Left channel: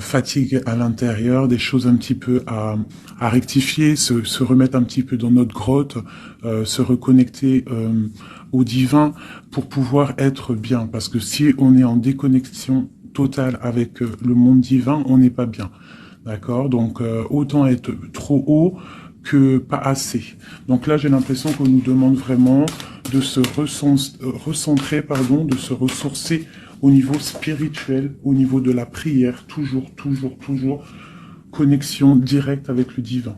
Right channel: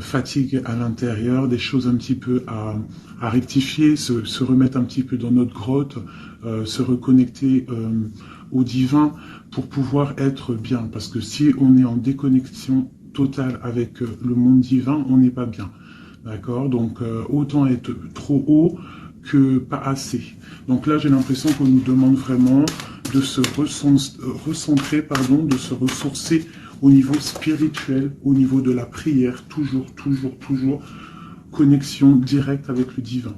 fatigue à l'intérieur, des choses un petit peu à rectifier, se remettre un petit peu dans notre grotte, se reconnecter au divin pour pouvoir être bien. Parce que si on est en déconnexion totale avec le monde divin, on n'est pas bien. D'accord? Donc autant être trop haut que pas assez. Donc là, j'ai l'impression qu'on nous demande vraiment de se recentrer, pardon, de se ressourcer au niveau spirituel, au niveau de la prière, toujours, toujours, toujours, connexion directe avec le divin.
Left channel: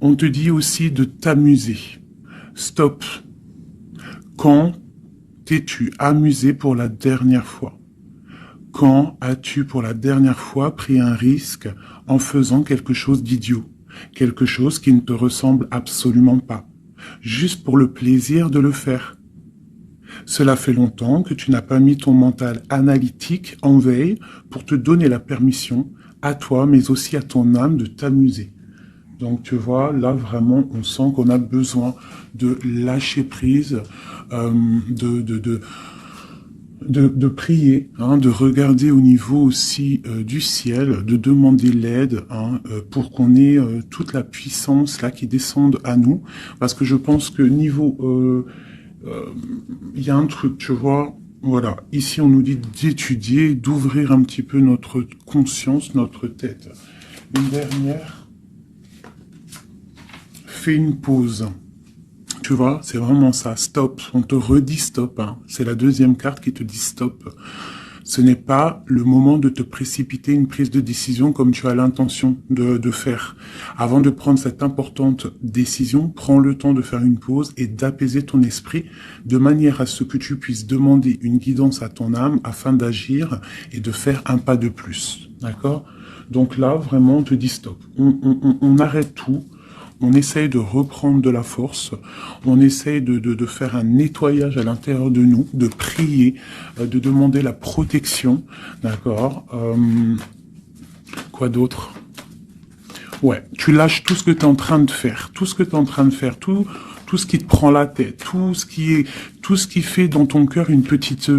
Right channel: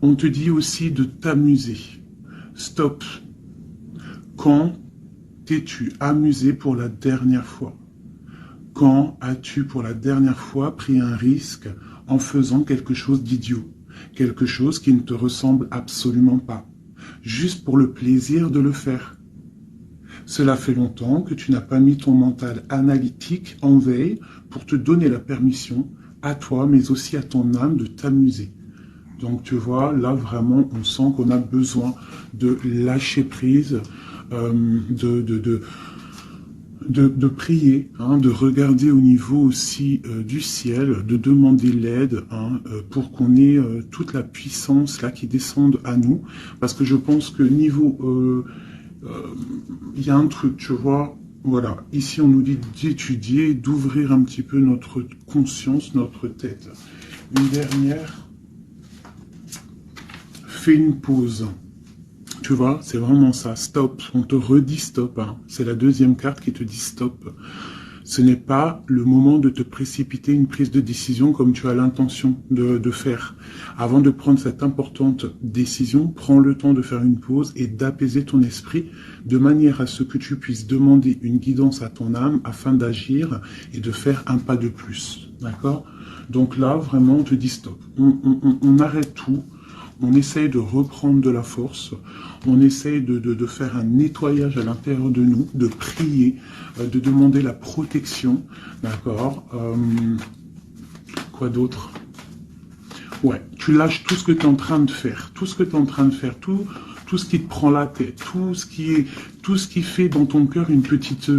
On te dit aussi de t'amuser. Stop. Quand t'es-tu amusé pour la dernière fois? Quand as-tu pour la dernière fois pris un risque en faisant quelque chose d'idiot? Quelque chose qui ne te ressemble absolument pas. Juste pour le plaisir de le faire. Cela fait longtemps que tu n'as pas mis ton mental analytique en veille pour te donner la permission à toi, mais aussi à ton âme de t'amuser. Donc tu vois, là vraiment, on sent qu'on a besoin de lâcher prise, de prier, hein, de regarder au niveau aussi du ciel, de demander l'aide hein, pour qu'on ait toute la puissance là qui descende à nous. Parce que je pense que niveau... il y a un truc, tu vois, voilà, ici on nous dit d'étudier, d'ouvrir un petit peu notre conscience, notre tête. Une dernière, fais une pause. Tu vois, c'est vraiment ça, stop. On te redit stop. Hein. C'est la deuxième carte qui te dit stop. Ce n'est pas le moment de te précipiter une prise de décision comme tu as l'intention de faire. Avant de prendre cette importante décision, prends le temps de faire une pause et d'apaiser ton esprit de manière à ce que tu puisses demander une guidance à ton âme afin d'agir et de faire un pas de plus. D'accord? Donc là, vraiment, on te dit stop. On arrête tout. On essaye de reprendre de la force, on essaye de faire un nettoyage à l'intérieur de nous, de prier, de demander la protection, d'accord quoi d'autre? Ouais, tu lâches tout ce que tu es en train de faire, tout ce que tu es en train de faire, tout ce qui te prend la tête, tout ce qui fait dans ton cœur une petite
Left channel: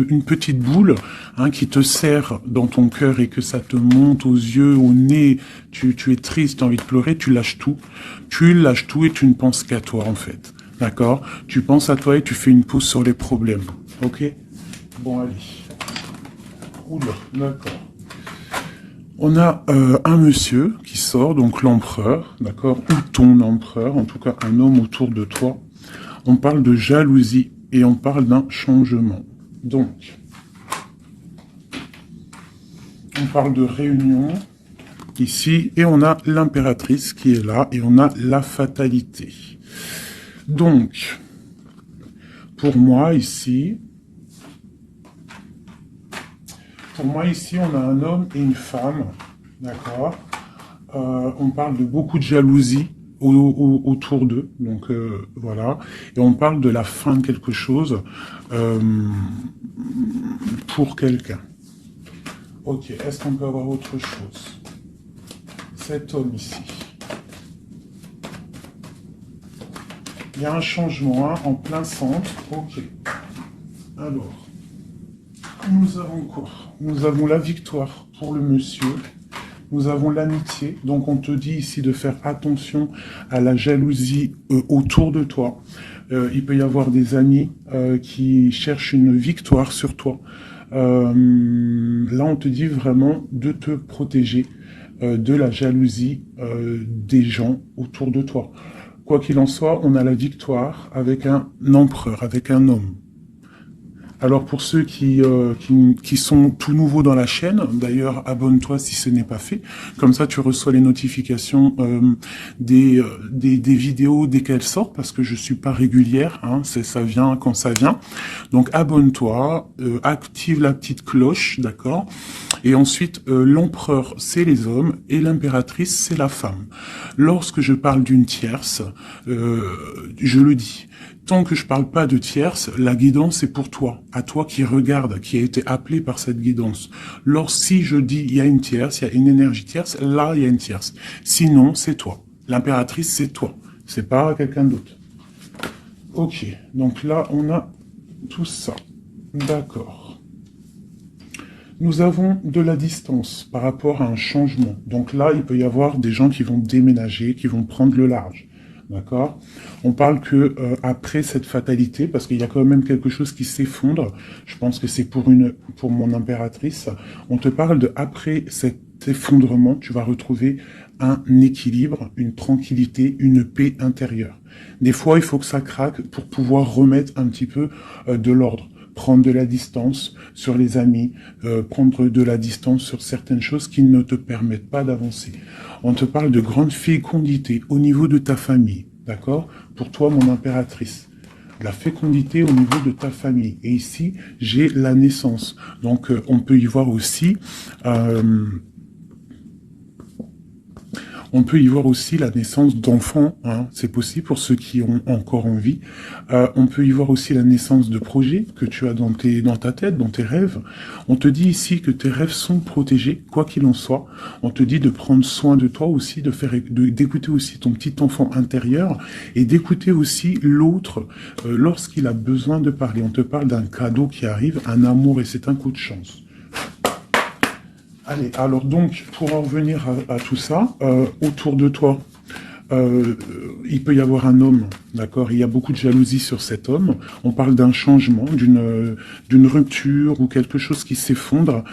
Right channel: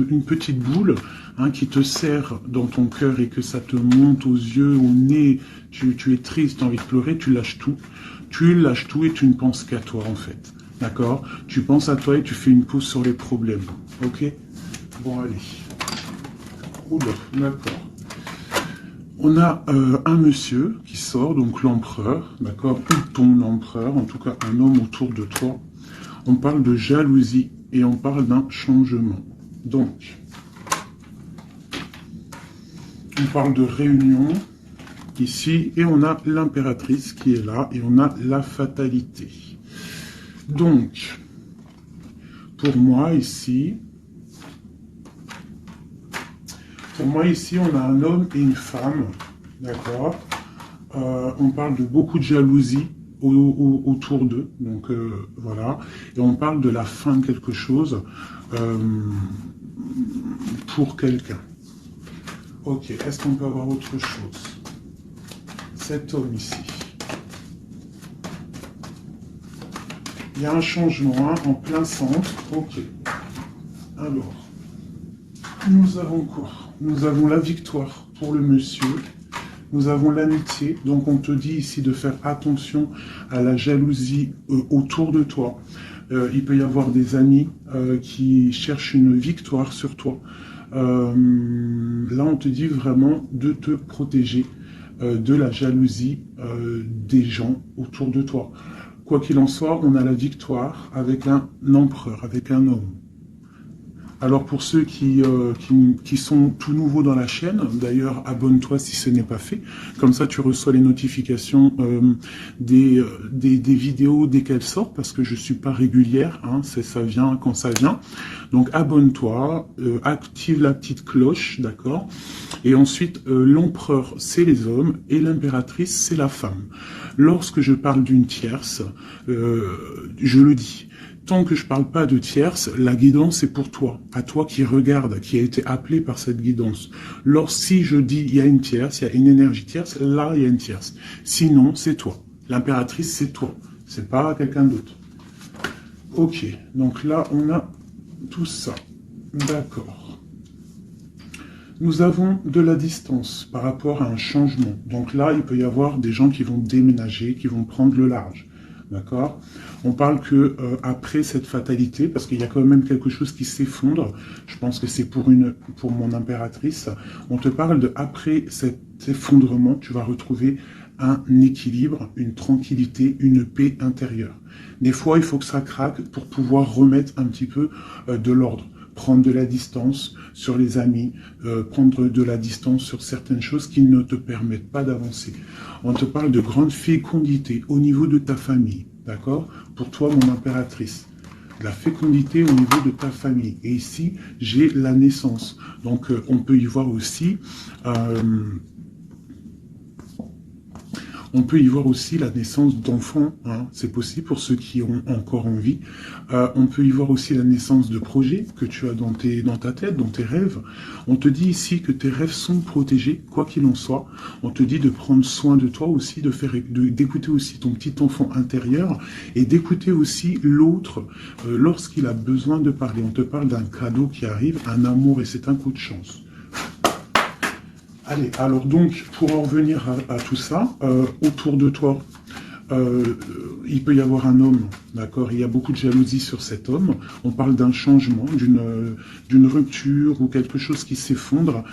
boule hein, qui te serre dans ton cœur et que ça te monte aux yeux, au nez, tu es triste, tu as envie de pleurer, tu lâches tout et tu ne penses qu'à toi en fait, d'accord? Tu penses à toi et tu fais une pause sur les problèmes, ok? Bon allez, oula, d'accord. On a un monsieur qui sort, donc l'empereur, d'accord, ou ton empereur, en tout cas un homme autour de toi. On parle de jalousie et on parle d'un changement. Donc, on parle de réunion ici et on a l'impératrice qui est là et on a la fatalité. Donc, pour moi ici, on a un homme et une femme, d'accord. On parle de beaucoup de jalousie autour d'eux, donc voilà. Et on parle de la fin de quelque chose pour quelqu'un. Ok, est-ce qu'on peut avoir autre chose? Cet homme ici. Il y a un changement hein, en plein centre. Ok. Alors, nous avons quoi? Nous avons la victoire pour le monsieur. Nous avons l'amitié, donc on te dit ici de faire attention à la jalousie autour de toi. Il peut y avoir des amis qui cherchent une victoire sur toi. Là, on te dit vraiment de te protéger de la jalousie des gens autour de toi. Quoi qu'il en soit, on a la victoire avec un empereur, avec un homme. Alors pour ceux qui sont tout nouveaux dans la chaîne, d'ailleurs abonne-toi si ce n'est pas fait, comme ça tu reçois les notifications des vidéos dès qu'elles sortent, parce que je suis pas régulière, hein, ça vient quand ça vient. Donc abonne-toi, active la petite cloche, d'accord. Et ensuite l'empereur c'est les hommes et l'impératrice c'est la femme. Lorsque je parle d'une tierce, je le dis. Tant que je parle pas de tierce, la guidance est pour toi, à toi qui regarde, qui a été appelé par cette guidance. Si je dis il y a une tierce, il y a une énergie tierce, là il y a une tierce. Sinon, c'est toi. L'impératrice, c'est toi. C'est pas quelqu'un d'autre. Ok, donc là on a tout ça. D'accord. Nous avons de la distance par rapport à un changement. Donc là, il peut y avoir des gens qui vont déménager, qui vont prendre le large. D'accord? On parle que après cette fatalité, parce qu'il y a quand même quelque chose qui s'effondre, je pense que c'est pour mon impératrice, on te parle de après cet effondrement, tu vas retrouver un équilibre, une tranquillité, une paix intérieure. Des fois, il faut que ça craque pour pouvoir remettre un petit peu de l'ordre. Prendre de la distance sur les amis, prendre de la distance sur certaines choses qui ne te permettent pas d'avancer. On te parle de grande fécondité au niveau de ta famille, d'accord? Pour toi, mon impératrice. De la fécondité au niveau de ta famille. Et ici, j'ai la naissance. Donc, on peut y voir aussi... on peut y voir aussi la naissance d'enfants, hein. C'est possible pour ceux qui ont encore envie. On peut y voir aussi la naissance de projets que tu as dans ta tête, dans tes rêves. On te dit ici que tes rêves sont protégés, quoi qu'il en soit. On te dit de prendre soin de toi aussi, d'écouter aussi ton petit enfant intérieur et d'écouter aussi l'autre lorsqu'il a besoin de parler. On te parle d'un cadeau qui arrive, un amour et c'est un coup de chance. Allez, alors donc, pour en revenir à tout ça, autour de toi, il peut y avoir un homme, d'accord? Il y a beaucoup de jalousie sur cet homme. On parle d'un changement, d'une rupture ou quelque chose qui s'effondre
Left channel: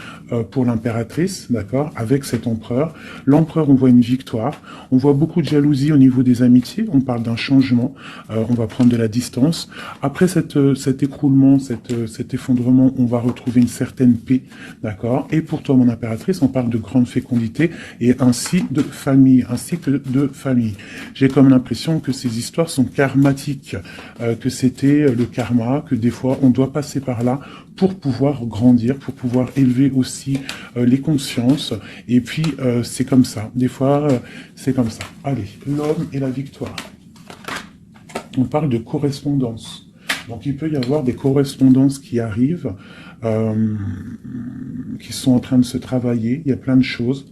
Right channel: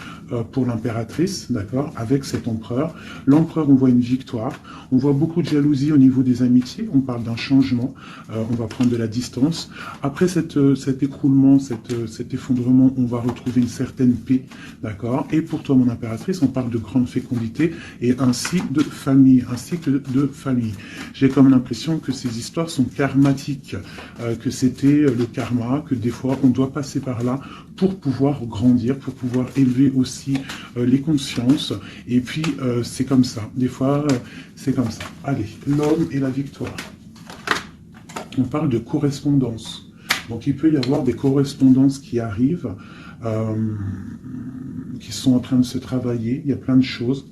pour l'impératrice, d'accord? Avec cet empereur. L'empereur, on voit une victoire. On voit beaucoup de jalousie au niveau des amitiés. On parle d'un changement. On va prendre de la distance. Après cet écroulement, cet effondrement, on va retrouver une certaine paix, d'accord? Et pour toi, mon impératrice, on parle de grande fécondité et ainsi de famille, un cycle de famille. J'ai comme l'impression que ces histoires sont karmatiques, que c'était le karma, que des fois on doit passer par là pour pouvoir grandir, pour pouvoir élever aussi les consciences. Et puis c'est comme ça, des fois c'est comme ça. Allez, l'homme et la victoire. On parle de correspondance. Donc il peut y avoir des correspondances qui arrivent, qui sont en train de se travailler. Il y a plein de choses.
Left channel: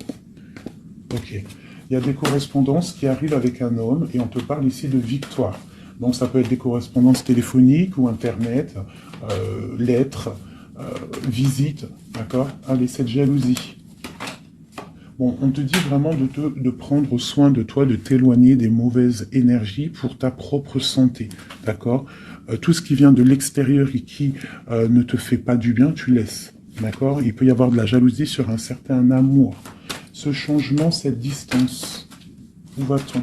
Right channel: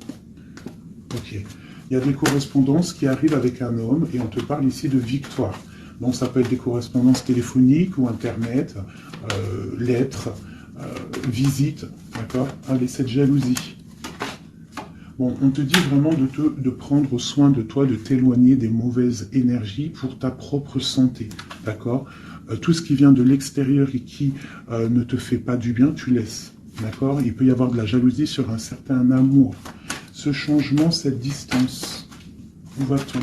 Ok. Il y a des correspondances qui arrivent avec un homme et on te parle ici de victoire. Donc ça peut être des correspondances téléphoniques ou internet, lettres, visites, d'accord? Allez, cette jalousie. Bon, on te dit vraiment de prendre soin de toi, de t'éloigner des mauvaises énergies pour ta propre santé, d'accord? Tout ce qui vient de l'extérieur et qui ne te fait pas du bien, tu laisses, d'accord? Il peut y avoir de la jalousie sur un certain amour. Ce changement, cette distance, où va-t-on?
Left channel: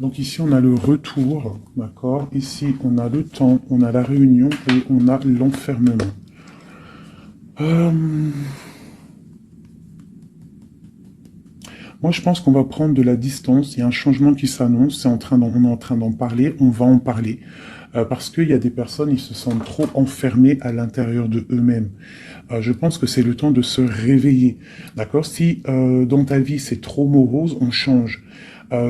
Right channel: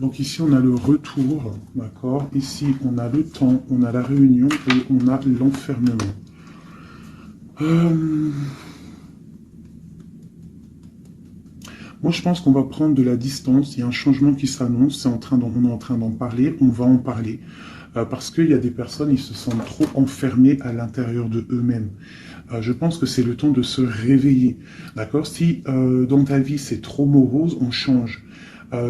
Donc ici, on a le retour, d'accord? Ici, on a le temps, on a la réunion et on a l'enfermement. Moi, je pense qu'on va prendre de la distance. Il y a un changement qui s'annonce. On est en train d'en parler. On va en parler. Parce qu'il y a des personnes, ils se sentent trop enfermés à l'intérieur de eux-mêmes. Je pense que c'est le temps de se réveiller. D'accord? Si dans ta vie, c'est trop morose, on change.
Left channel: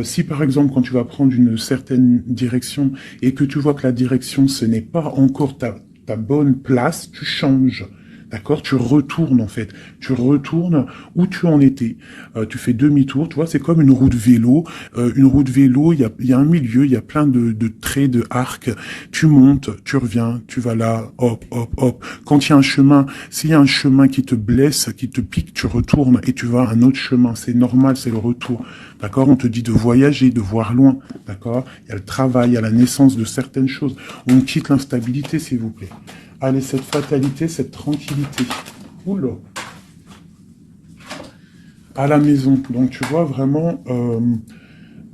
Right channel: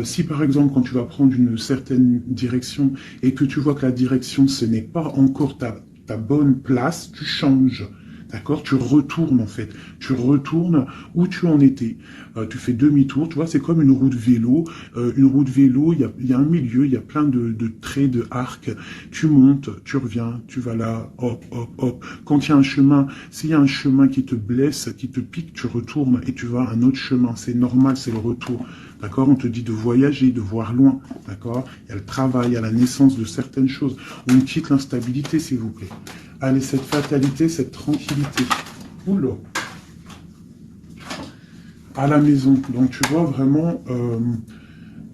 Si par exemple, quand tu vas prendre une certaine direction et que tu vois que la direction, ce n'est pas encore ta bonne place, tu changes. D'accord? Tu retournes en fait. Tu retournes où tu en étais. Tu fais demi-tour. Tu vois, c'est comme une route vélo. Une route vélo, il y a un milieu, il y a plein de traits, de arcs. Tu montes, tu reviens, tu vas là, hop, hop, hop. Quand il y a un chemin, s'il y a un chemin qui te blesse, qui te pique, tu retournes et tu vas à un autre chemin. C'est normal, c'est le retour. D'accord? On te dit de voyager, de voir loin. D'accord? Il y a le travail, il y a la naissance de certaines choses. On quitte l'instabilité, s'il vous plaît. Allez, cette fatalité, cette tranquillité. Oula. À la maison. Donc, tu vois, vraiment,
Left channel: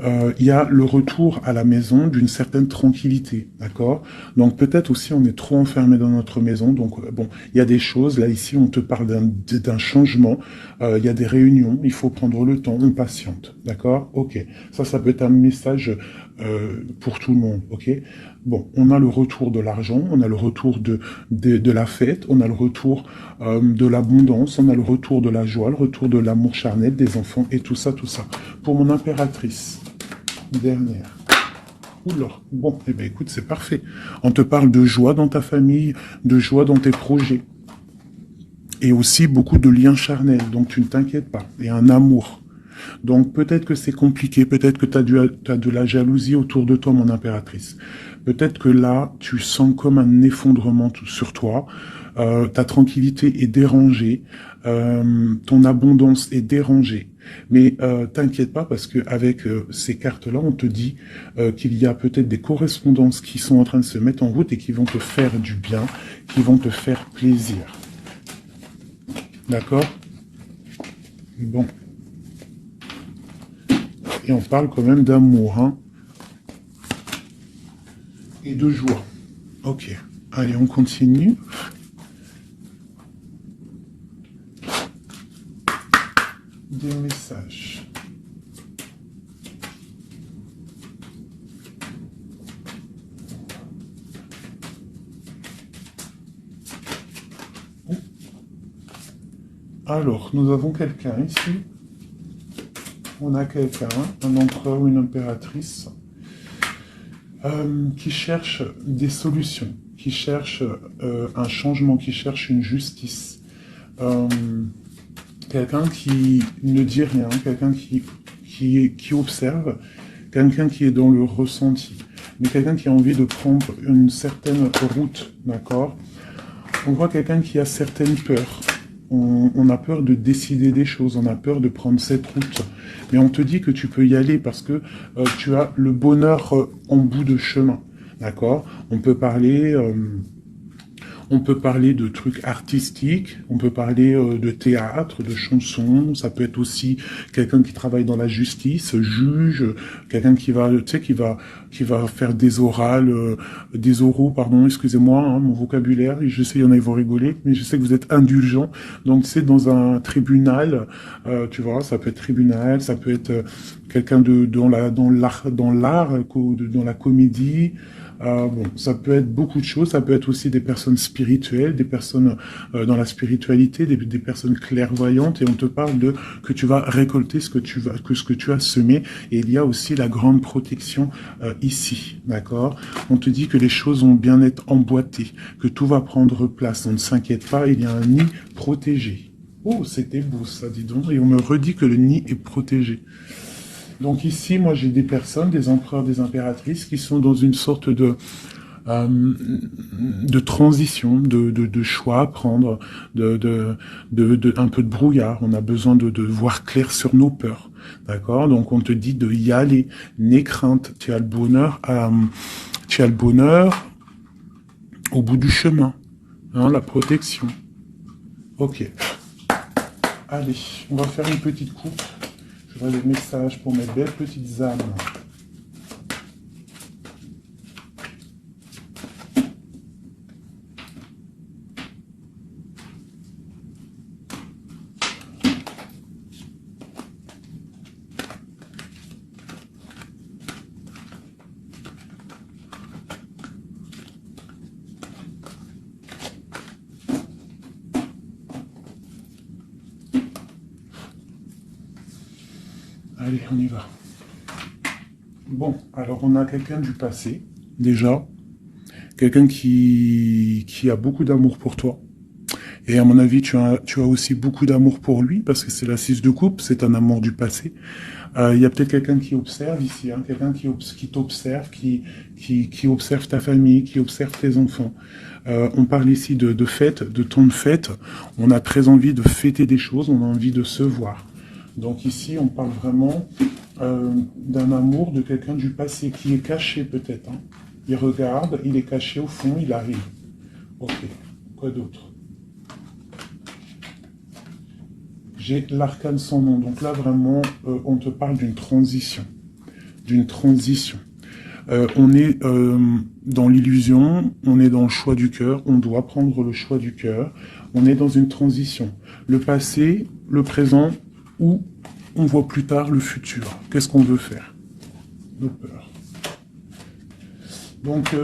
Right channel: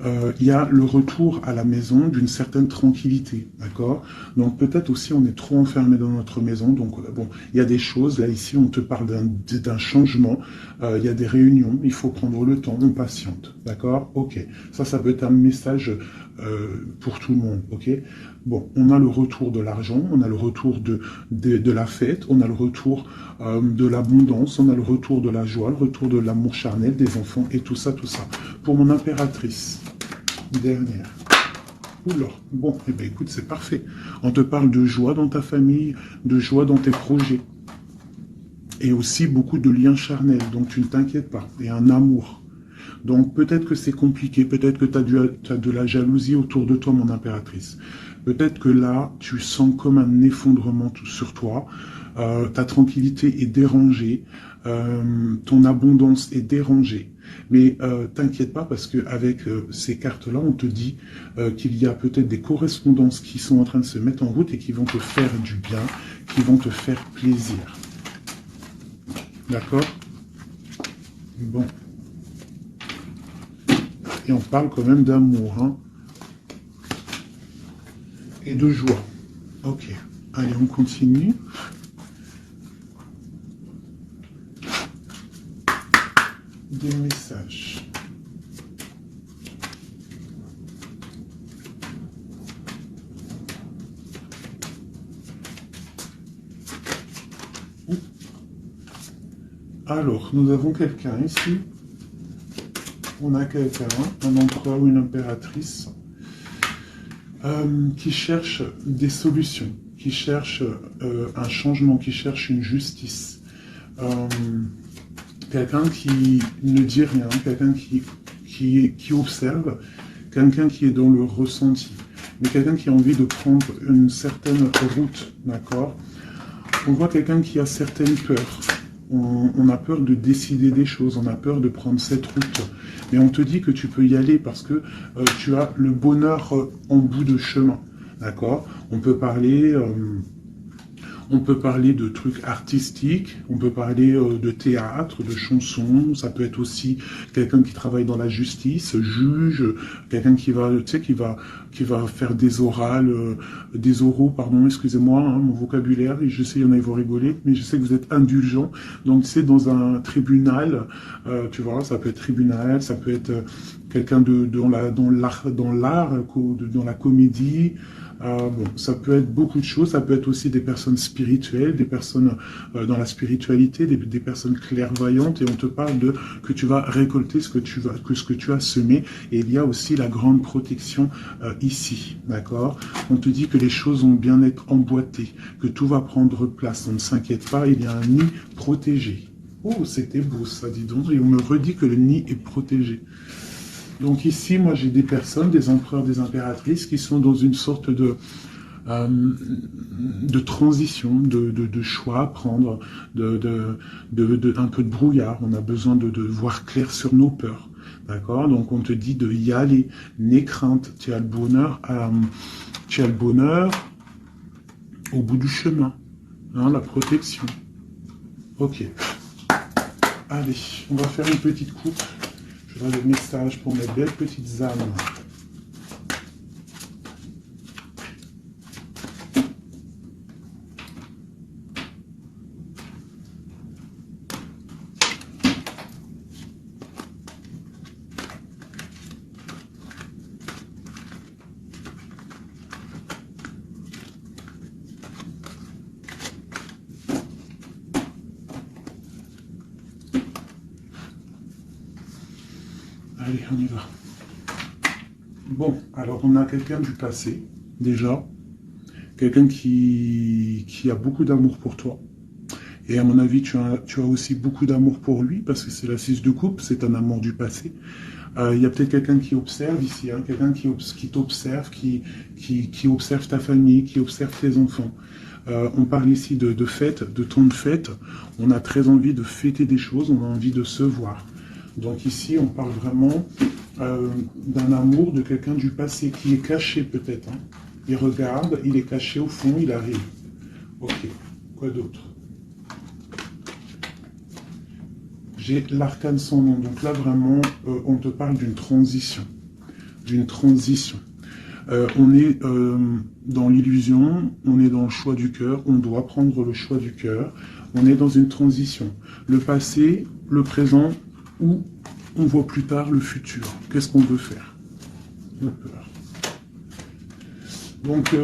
il y a le retour à la maison d'une certaine tranquillité, d'accord? Donc, peut-être aussi, on est trop enfermé dans notre maison. Donc, bon, il y a des choses. Là, ici, on te parle d'un changement. Il y a des réunions. Il faut prendre le temps. On patiente, d'accord? Ok. Ça peut être un message pour tout le monde, ok? Bon, on a le retour de l'argent, on a le retour de la fête, on a le retour de l'abondance, on a le retour de la joie, le retour de l'amour charnel des enfants et tout ça, tout ça. Pour mon impératrice, dernière. Oula, bon, eh bien, écoute, c'est parfait. On te parle de joie dans ta famille, de joie dans tes projets. Et aussi beaucoup de liens charnels, donc tu ne t'inquiètes pas. Et un amour. Donc peut-être que c'est compliqué, peut-être que tu as de la jalousie autour de toi, mon impératrice. Peut-être que là, tu sens comme un effondrement sur toi. ta tranquillité est dérangée, ton abondance est dérangée. Mais t'inquiète pas parce que avec ces cartes-là, on te dit qu'il y a peut-être des correspondances qui sont en train de se mettre en route et qui vont te faire du bien, qui vont te faire plaisir. D'accord? Bon. Et on parle quand même d'amour, hein, et de joie. Ok. Allez, on continue. Des messages. Alors, nous avons quelqu'un ici. On a quelqu'un, un empereur ou une impératrice, qui cherche des solutions, qui cherche un changement, qui cherche une justice. Quelqu'un qui ne dit rien, quelqu'un qui observe, quelqu'un qui est dans le ressenti, mais quelqu'un qui a envie de prendre une certaine route, d'accord? On voit quelqu'un qui a certaines peurs. On a peur de décider des choses, on a peur de prendre cette route. Mais on te dit que tu peux y aller parce que tu as le bonheur en bout de chemin. D'accord? On peut parler de trucs artistiques, on peut parler de théâtre, de chansons, ça peut être aussi quelqu'un qui travaille dans la justice, juge, quelqu'un qui va, tu sais, qui va faire des orales, des oraux, pardon, excusez-moi, hein, mon vocabulaire, je sais, il y en a, ils vont rigoler, mais je sais que vous êtes indulgents, donc c'est dans un tribunal, tu vois, ça peut être tribunal, ça peut être quelqu'un dans l'art, dans la comédie. Bon, ça peut être beaucoup de choses, ça peut être aussi des personnes spirituelles, des personnes dans la spiritualité, des personnes clairvoyantes, et on te parle de que tu vas récolter ce que tu as semé, et il y a aussi la grande protection ici, d'accord? On te dit que les choses vont bien être emboîtées, que tout va prendre place, on ne s'inquiète pas, il y a un nid protégé. Oh, c'était beau ça, dis donc, et on me redit que le nid est protégé. Donc ici, moi, j'ai des personnes, des empereurs, des impératrices, qui sont dans une sorte de transition, de choix à prendre, un peu de brouillard. On a besoin de voir clair sur nos peurs. D'accord? Donc on te dit de y aller. N'aie crainte. Tu as le bonheur au bout du chemin. Hein, la protection. Ok. Allez, on va faire une petite coupe. Je vois les messages pour mes belles petites âmes. Allez, on y va. Bon, alors on a quelqu'un du passé, déjà. Quelqu'un qui a beaucoup d'amour pour toi. Et à mon avis, tu as aussi beaucoup d'amour pour lui, parce que c'est la 6 de coupe, c'est un amour du passé. Il y a peut-être quelqu'un qui observe ici, hein, quelqu'un qui t'observe, qui observe ta famille, qui observe tes enfants. On parle ici de fête, de temps de fête. On a très envie de fêter des choses, on a envie de se voir. Donc ici, on parle vraiment d'un amour de quelqu'un du passé qui est caché peut-être. Hein. Il regarde, il est caché au fond, il arrive. Ok, quoi d'autre? J'ai l'arcane sans nom. Donc là, vraiment, on te parle d'une transition. D'une transition. On est dans l'illusion, on est dans le choix du cœur, on doit prendre le choix du cœur. On est dans une transition. Le passé, le présent, ou on voit plus tard le futur. Qu'est-ce qu'on veut faire? Nos peurs. Donc,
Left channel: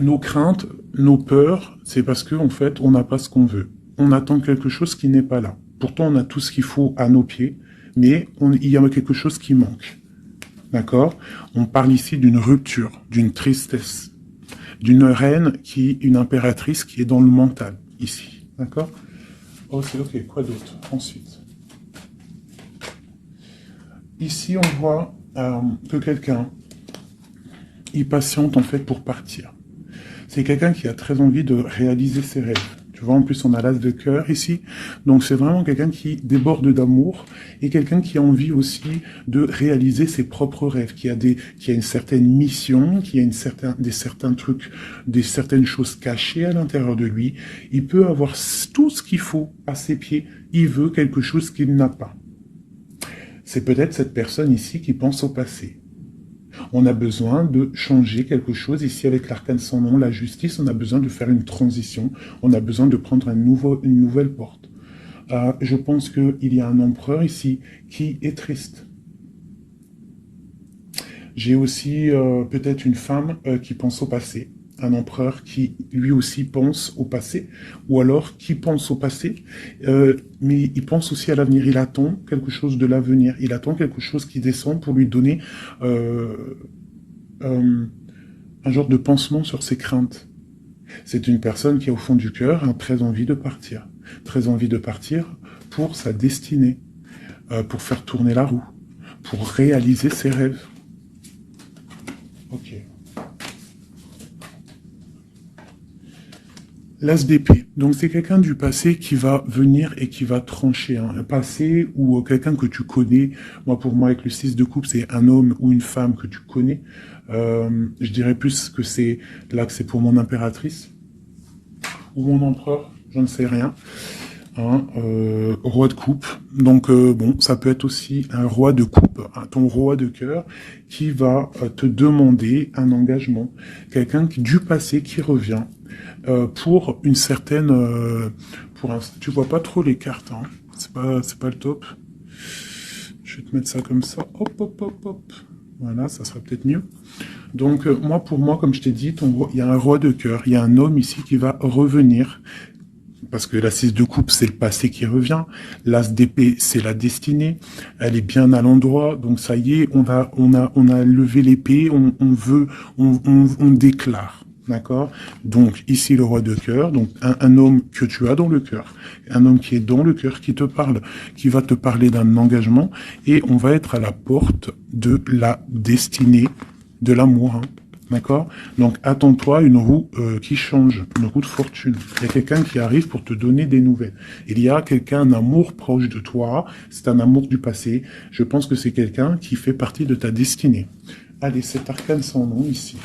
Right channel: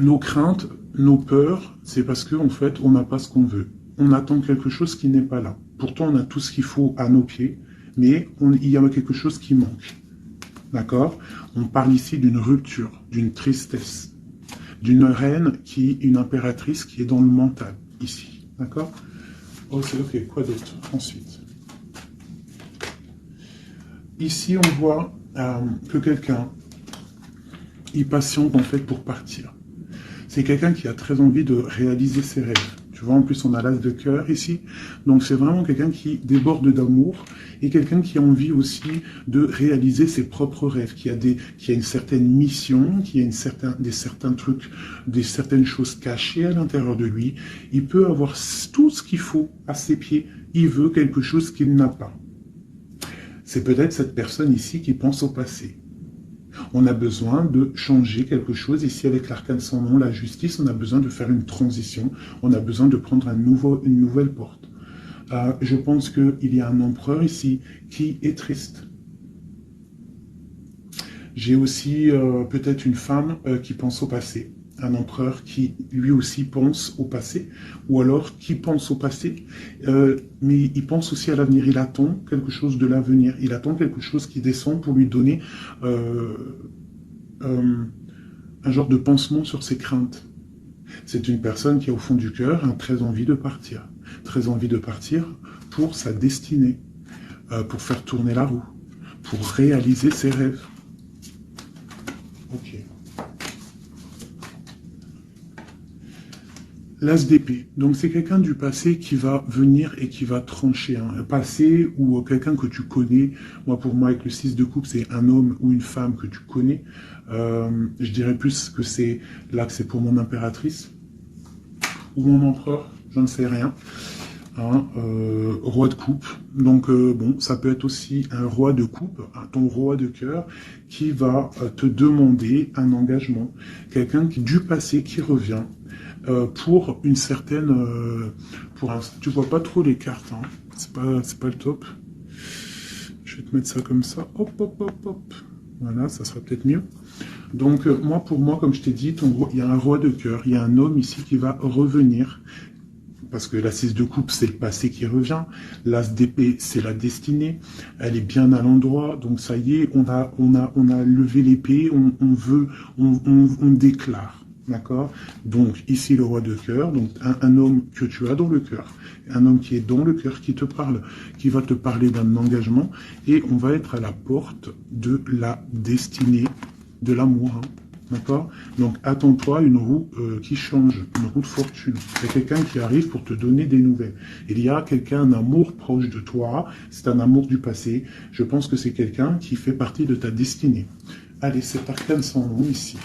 nos craintes, nos peurs, c'est parce qu'en fait, on n'a pas ce qu'on veut. On attend quelque chose qui n'est pas là. Pourtant, on a tout ce qu'il faut à nos pieds, mais il y a quelque chose qui manque. D'accord? On parle ici d'une rupture, d'une tristesse, d'une reine une impératrice qui est dans le mental, ici. D'accord? Ok, quoi d'autre? Ensuite. Ici, on voit que quelqu'un, il patiente en fait pour partir. C'est quelqu'un qui a très envie de réaliser ses rêves. Tu vois, en plus, on a l'as de cœur ici. Donc, c'est vraiment quelqu'un qui déborde d'amour et quelqu'un qui a envie aussi de réaliser ses propres rêves, qui a une certaine mission, qui a certains trucs, certaines choses cachées à l'intérieur de lui. Il peut avoir tout ce qu'il faut à ses pieds. Il veut quelque chose qu'il n'a pas. C'est peut-être cette personne ici qui pense au passé. On a besoin de changer quelque chose. Ici, avec l'arcane sans nom, la justice, on a besoin de faire une transition. On a besoin de prendre une nouvelle porte. Je pense qu'il y a un empereur ici qui est triste. J'ai aussi peut-être une femme qui pense au passé. Un empereur qui lui aussi pense au passé, ou alors qui pense au passé, mais il pense aussi à l'avenir. Il attend quelque chose de l'avenir. Il attend quelque chose qui descend pour lui donner un genre de pansement sur ses craintes. C'est une personne qui, au fond du cœur, a très envie de partir. Très envie de partir pour sa destinée, pour faire tourner la roue, pour réaliser ses rêves. Ok. L'as d'épée. Donc c'est quelqu'un du passé qui va venir et qui va trancher. Un passé ou quelqu'un que tu connais. Moi, pour moi, avec le 6 de coupe, c'est un homme ou une femme que tu connais. Je dirais plus que c'est là que c'est pour mon impératrice. Ou mon empereur, j'en sais rien. Roi de coupe. Donc bon, ça peut être aussi un roi de coupe, ton roi de cœur, qui va te demander un engagement. Quelqu'un du passé qui revient pour une certaine... tu vois pas trop les cartes, hein. C'est pas le top. Je vais te mettre ça comme ça. Hop, hop, hop, hop. Voilà, ça sera peut-être mieux. Donc, pour moi, comme je t'ai dit, il y a un roi de cœur, il y a un homme ici qui va revenir. Parce que la 6 de coupe, c'est le passé qui revient. L'as d'épée, c'est la destinée. Elle est bien à l'endroit. Donc, ça y est, on a levé l'épée, on déclare. D'accord? Donc, ici, le roi de cœur, donc un homme que tu as dans le cœur, un homme qui est dans le cœur, qui te parle, qui va te parler d'un engagement, et on va être à la porte de la destinée, de l'amour, hein. D'accord? Donc, attends-toi à une roue qui change, une roue de fortune. Il y a quelqu'un qui arrive pour te donner des nouvelles. Il y a quelqu'un, un amour proche de toi, c'est un amour du passé. Je pense que c'est quelqu'un qui fait partie de ta destinée. Allez, cet arcane sans nom ici.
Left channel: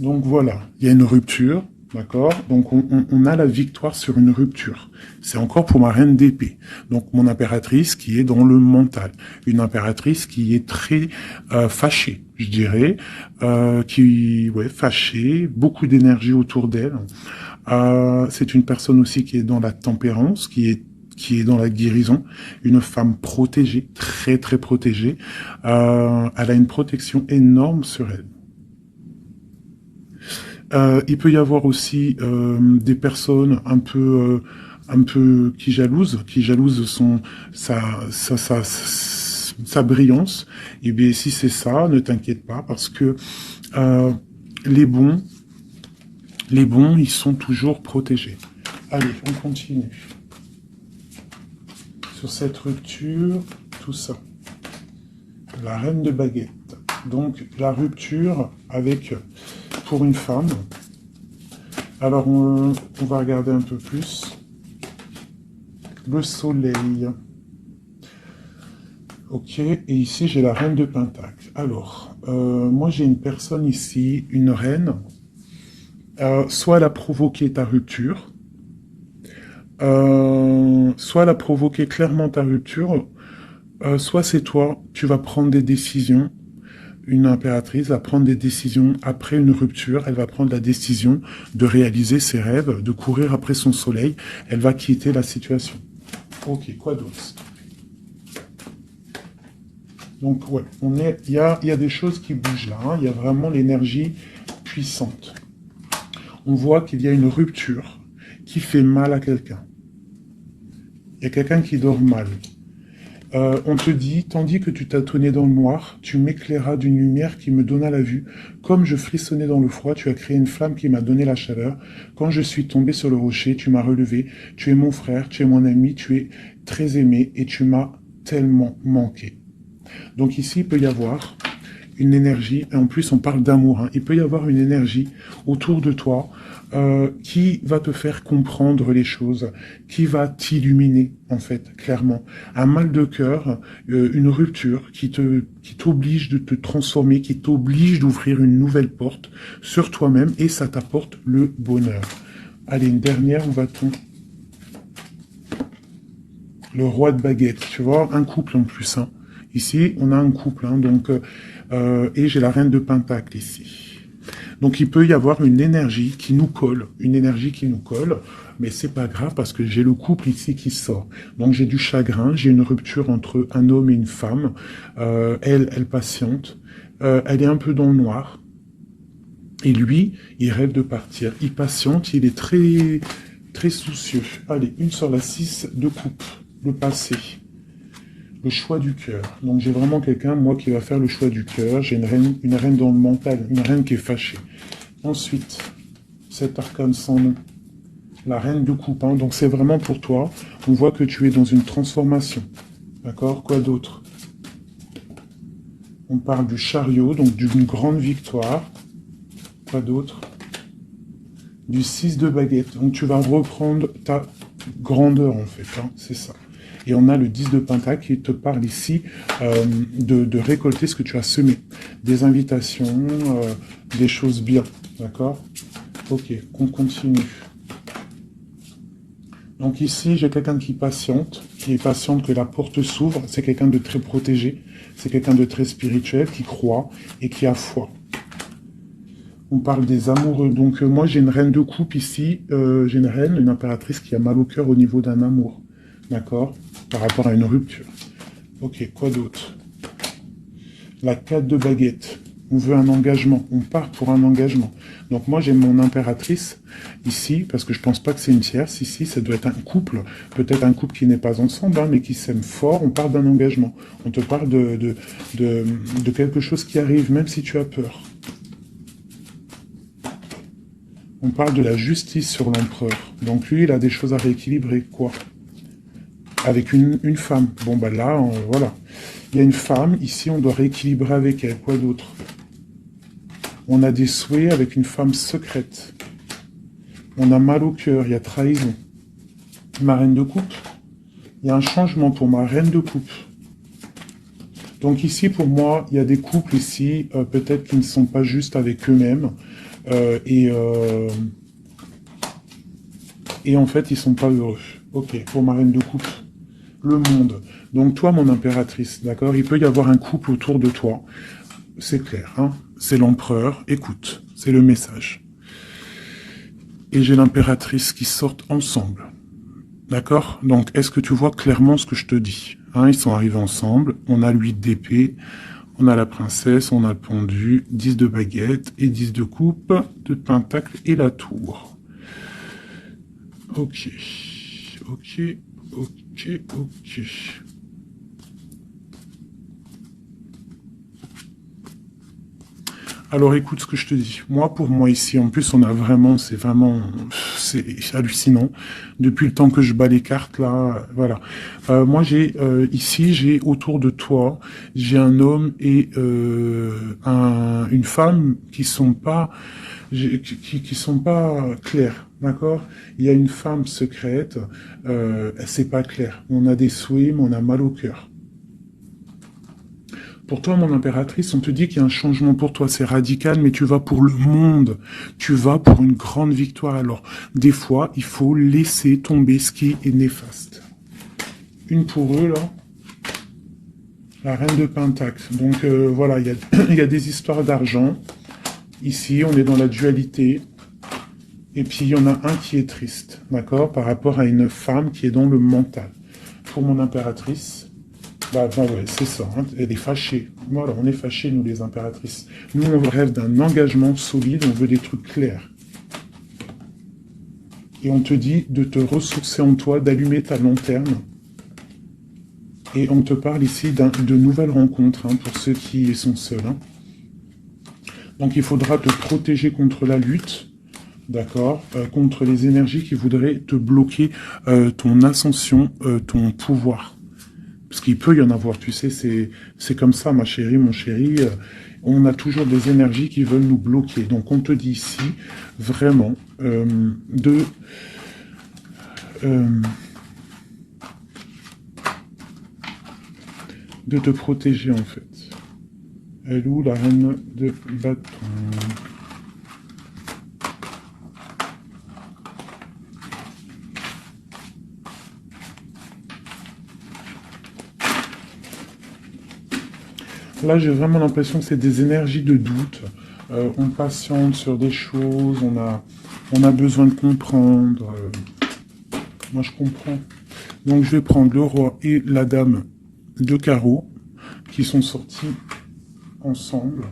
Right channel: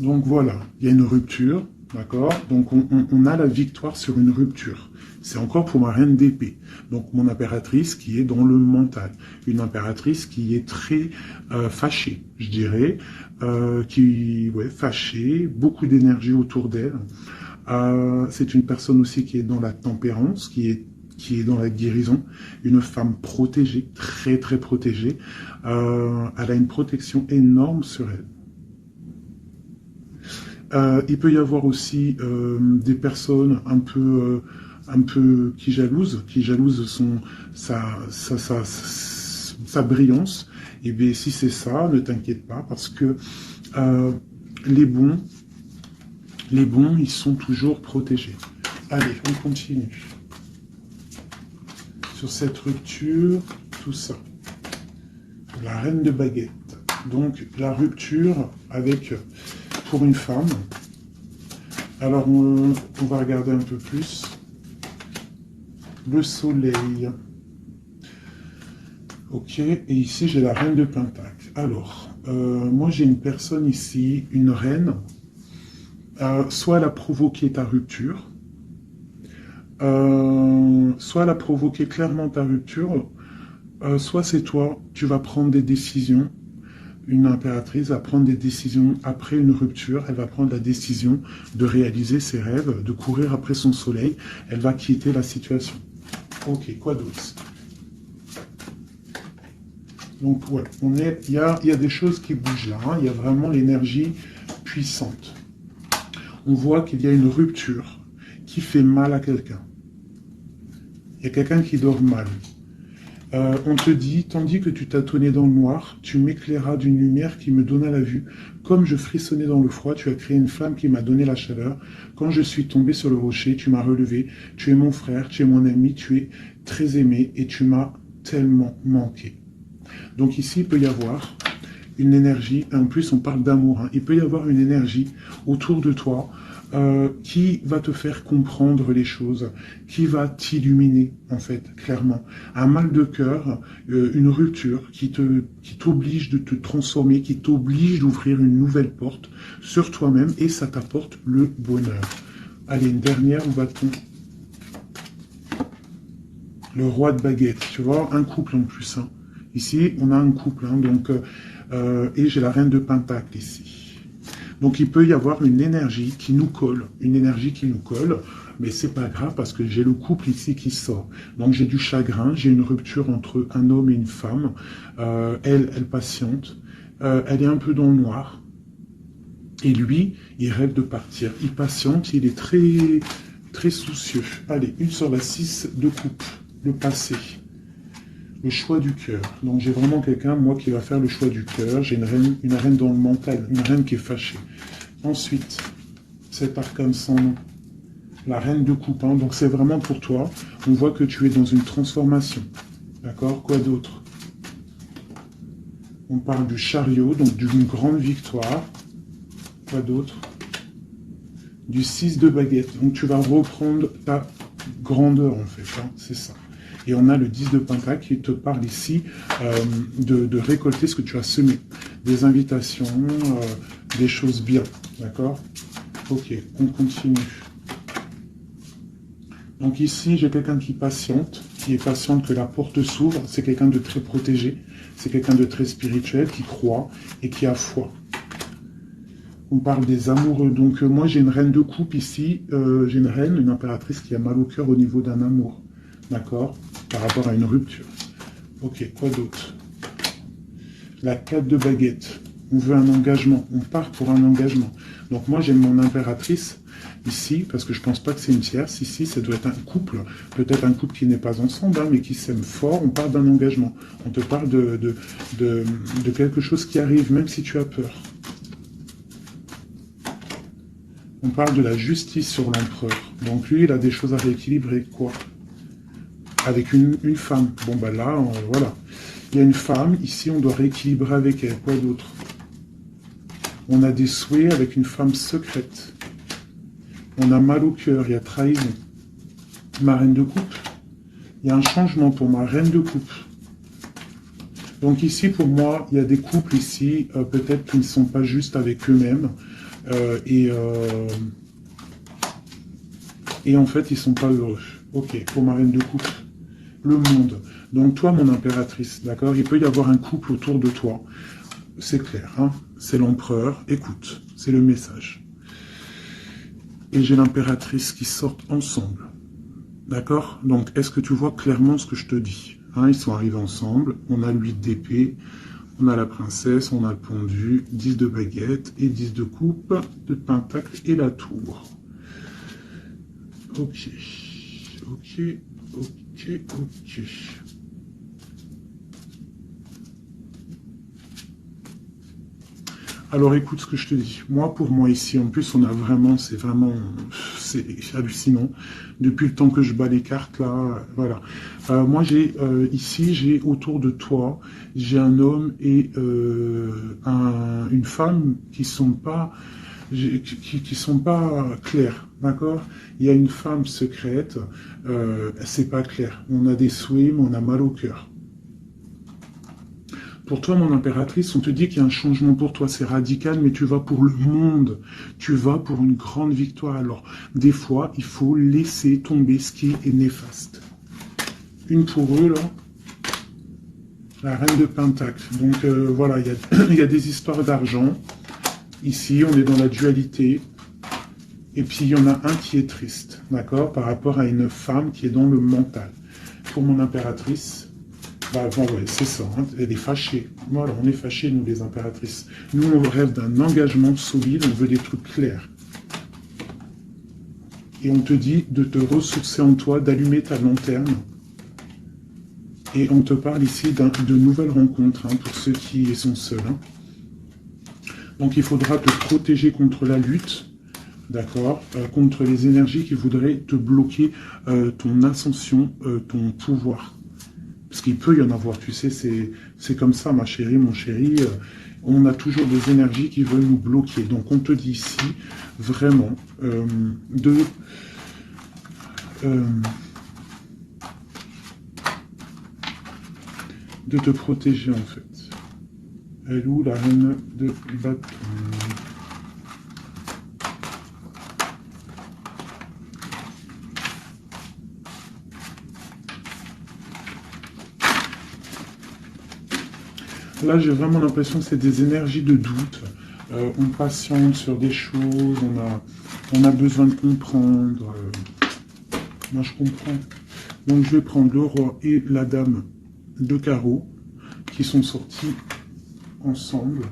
Donc voilà, il y a une rupture, d'accord? Donc on a la victoire sur une rupture. C'est encore pour ma reine d'épée. Donc mon impératrice qui est dans le mental. Une impératrice qui est très fâchée, je dirais. Fâchée, beaucoup d'énergie autour d'elle. C'est une personne aussi qui est dans la tempérance, qui est dans la guérison, une femme protégée, très très protégée. Elle a une protection énorme sur elle. Il peut y avoir aussi des personnes un peu qui jalousent sa brillance. Et bien si c'est ça, ne t'inquiète pas parce que les bons, ils sont toujours protégés. Allez, on continue. Sur cette rupture, tout ça. La reine de baguette. Donc la rupture avec... pour une femme. Alors, on va regarder un peu plus. Le soleil. Ok, et ici, j'ai la reine de Pentacle. Alors, moi, j'ai une personne ici, une reine. Soit elle a provoqué ta rupture, soit elle a provoqué clairement ta rupture, soit c'est toi, tu vas prendre des décisions. Une impératrice va prendre des décisions après une rupture. Elle va prendre la décision de réaliser ses rêves, de courir après son soleil. Elle va quitter la situation. Ok, quoi d'autre? Donc, ouais, il y a des choses qui bougent là. Hein. Il y a vraiment l'énergie puissante. On voit qu'il y a une rupture qui fait mal à quelqu'un. Il y a quelqu'un qui dort mal. On te dit, tandis que tu tâtonnais dans le noir, tu m'éclairas d'une lumière qui me donna la vue. Comme je frissonnais dans le froid, tu as créé une flamme qui m'a donné la chaleur. Quand je suis tombé sur le rocher, tu m'as relevé. Tu es mon frère, tu es mon ami, tu es très aimé et tu m'as tellement manqué. Donc ici, il peut y avoir une énergie, et en plus on parle d'amour, hein. Il peut y avoir une énergie autour de toi qui va te faire comprendre les choses, qui va t'illuminer, en fait, clairement. Un mal de cœur, une rupture qui t'oblige de te transformer, qui t'oblige d'ouvrir une nouvelle porte sur toi-même, et ça t'apporte le bonheur. Allez, une dernière, on va le roi de baguette, tu vois, un couple en plus, hein. Ici, on a un couple, hein, donc, et j'ai la reine de pentacle ici. Donc il peut y avoir une énergie qui nous colle, mais c'est pas grave parce que j'ai le couple ici qui sort. Donc j'ai du chagrin, j'ai une rupture entre un homme et une femme. Elle patiente, elle est un peu dans le noir. Et lui, il rêve de partir. Il patiente, il est très, très soucieux. Allez, une sur la 6 de coupe, le passé. Le choix du cœur. Donc j'ai vraiment quelqu'un, moi, qui va faire le choix du cœur. J'ai une reine dans le mental, une reine qui est fâchée. Ensuite, cet arcane sans nom. La reine de coupe. Hein. Donc c'est vraiment pour toi. On voit que tu es dans une transformation. D'accord? Quoi d'autre? On parle du chariot, donc d'une grande victoire. Quoi d'autre? Du 6 de baguette. Donc tu vas reprendre ta grandeur, en fait. Hein. C'est ça. Et on a le 10 de pentacle qui te parle ici de récolter ce que tu as semé. Des invitations, des choses bien. D'accord? Ok, on continue. Donc ici, j'ai quelqu'un qui est patiente que la porte s'ouvre. C'est quelqu'un de très protégé. C'est quelqu'un de très spirituel, qui croit et qui a foi. On parle des amoureux. Donc moi, j'ai une reine de coupe ici. J'ai une reine, une impératrice qui a mal au cœur au niveau d'un amour. D'accord? Par rapport à une rupture. Ok, quoi d'autre? La 4 de baguette. On veut un engagement. On part pour un engagement. Donc moi, j'ai mon impératrice ici, parce que je pense pas que c'est une tierce. Ici, ça doit être un couple. Peut-être un couple qui n'est pas ensemble, hein, mais qui s'aime fort. On parle d'un engagement. On te parle de quelque chose qui arrive, même si tu as peur. On parle de la justice sur l'empereur. Donc lui, il a des choses à rééquilibrer. Quoi? Avec une femme. Bon, ben là, voilà. Il y a une femme. Ici, on doit rééquilibrer avec elle. Quoi d'autre? On a des souhaits avec une femme secrète. On a mal au cœur. Il y a trahison. Ma reine de coupe. Il y a un changement pour ma reine de coupe. Donc ici, pour moi, il y a des couples ici, peut-être qui ne sont pas justes avec eux-mêmes. Et en fait, ils ne sont pas heureux. Ok, pour ma reine de coupe. Le monde. Donc toi, mon impératrice, d'accord? Il peut y avoir un couple autour de toi. C'est clair, hein? C'est l'empereur. Écoute, c'est le message. Et j'ai l'impératrice qui sortent ensemble. D'accord? Donc, est-ce que tu vois clairement ce que je te dis? Hein, ils sont arrivés ensemble. On a l'huile d'épée. On a la princesse. On a le pendu. 10 de baguette et 10 de coupe, de pentacle et la tour. Ok. Ok. Ok, ok. Alors écoute ce que je te dis. Moi, pour moi ici, en plus, on a vraiment, c'est hallucinant. Depuis le temps que je bats les cartes, là, voilà. Moi, ici, j'ai autour de toi, j'ai un homme et une femme qui sont pas clairs, d'accord? Il y a une femme secrète, c'est pas clair. On a des souhaits, mais on a mal au cœur. Pour toi, mon impératrice, on te dit qu'il y a un changement pour toi, c'est radical, mais tu vas pour le monde. Tu vas pour une grande victoire. Alors, des fois, il faut laisser tomber ce qui est néfaste. Une pour eux, là. La reine de pentacle. Donc, voilà, il y a des histoires d'argent. Ici, on est dans la dualité. Et puis, il y en a un qui est triste, d'accord, par rapport à une femme qui est dans le mental. Pour mon impératrice, bah ouais, c'est ça, hein, elle est fâchée. Voilà, on est fâchés, nous, les impératrices. Nous, on rêve d'un engagement solide, on veut des trucs clairs. Et on te dit de te ressourcer en toi, d'allumer ta lanterne. Et on te parle ici de nouvelles rencontres, hein, pour ceux qui sont seuls. Hein. Donc, il faudra te protéger contre la lutte, d'accord, contre les énergies qui voudraient te bloquer ton ascension, ton pouvoir. Parce qu'il peut y en avoir, tu sais, c'est comme ça, ma chérie, mon chéri. on a toujours des énergies qui veulent nous bloquer. Donc on te dit ici, vraiment, de te protéger en fait. Elle est où la reine de bâton? Là, j'ai vraiment l'impression que c'est des énergies de doute. On patiente sur des choses, on a besoin de comprendre. Moi, je comprends. Donc, je vais prendre le roi et la dame de carreau qui sont sortis ensemble.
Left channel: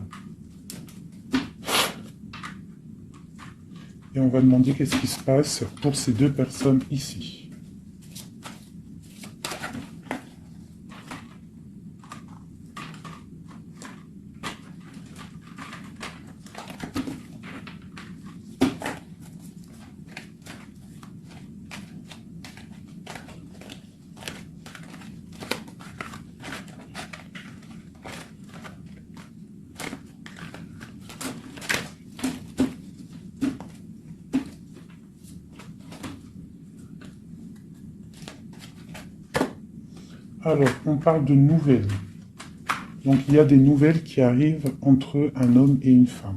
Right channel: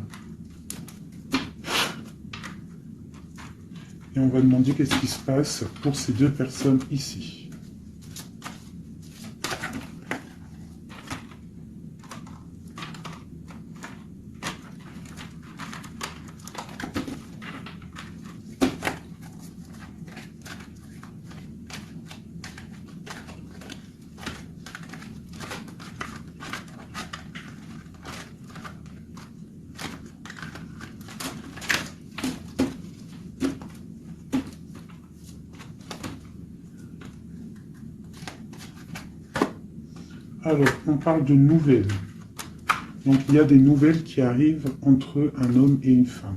Et on va demander qu'est-ce qui se passe pour ces deux personnes ici. Alors, on parle de nouvelles. Donc, il y a des nouvelles qui arrivent entre un homme et une femme.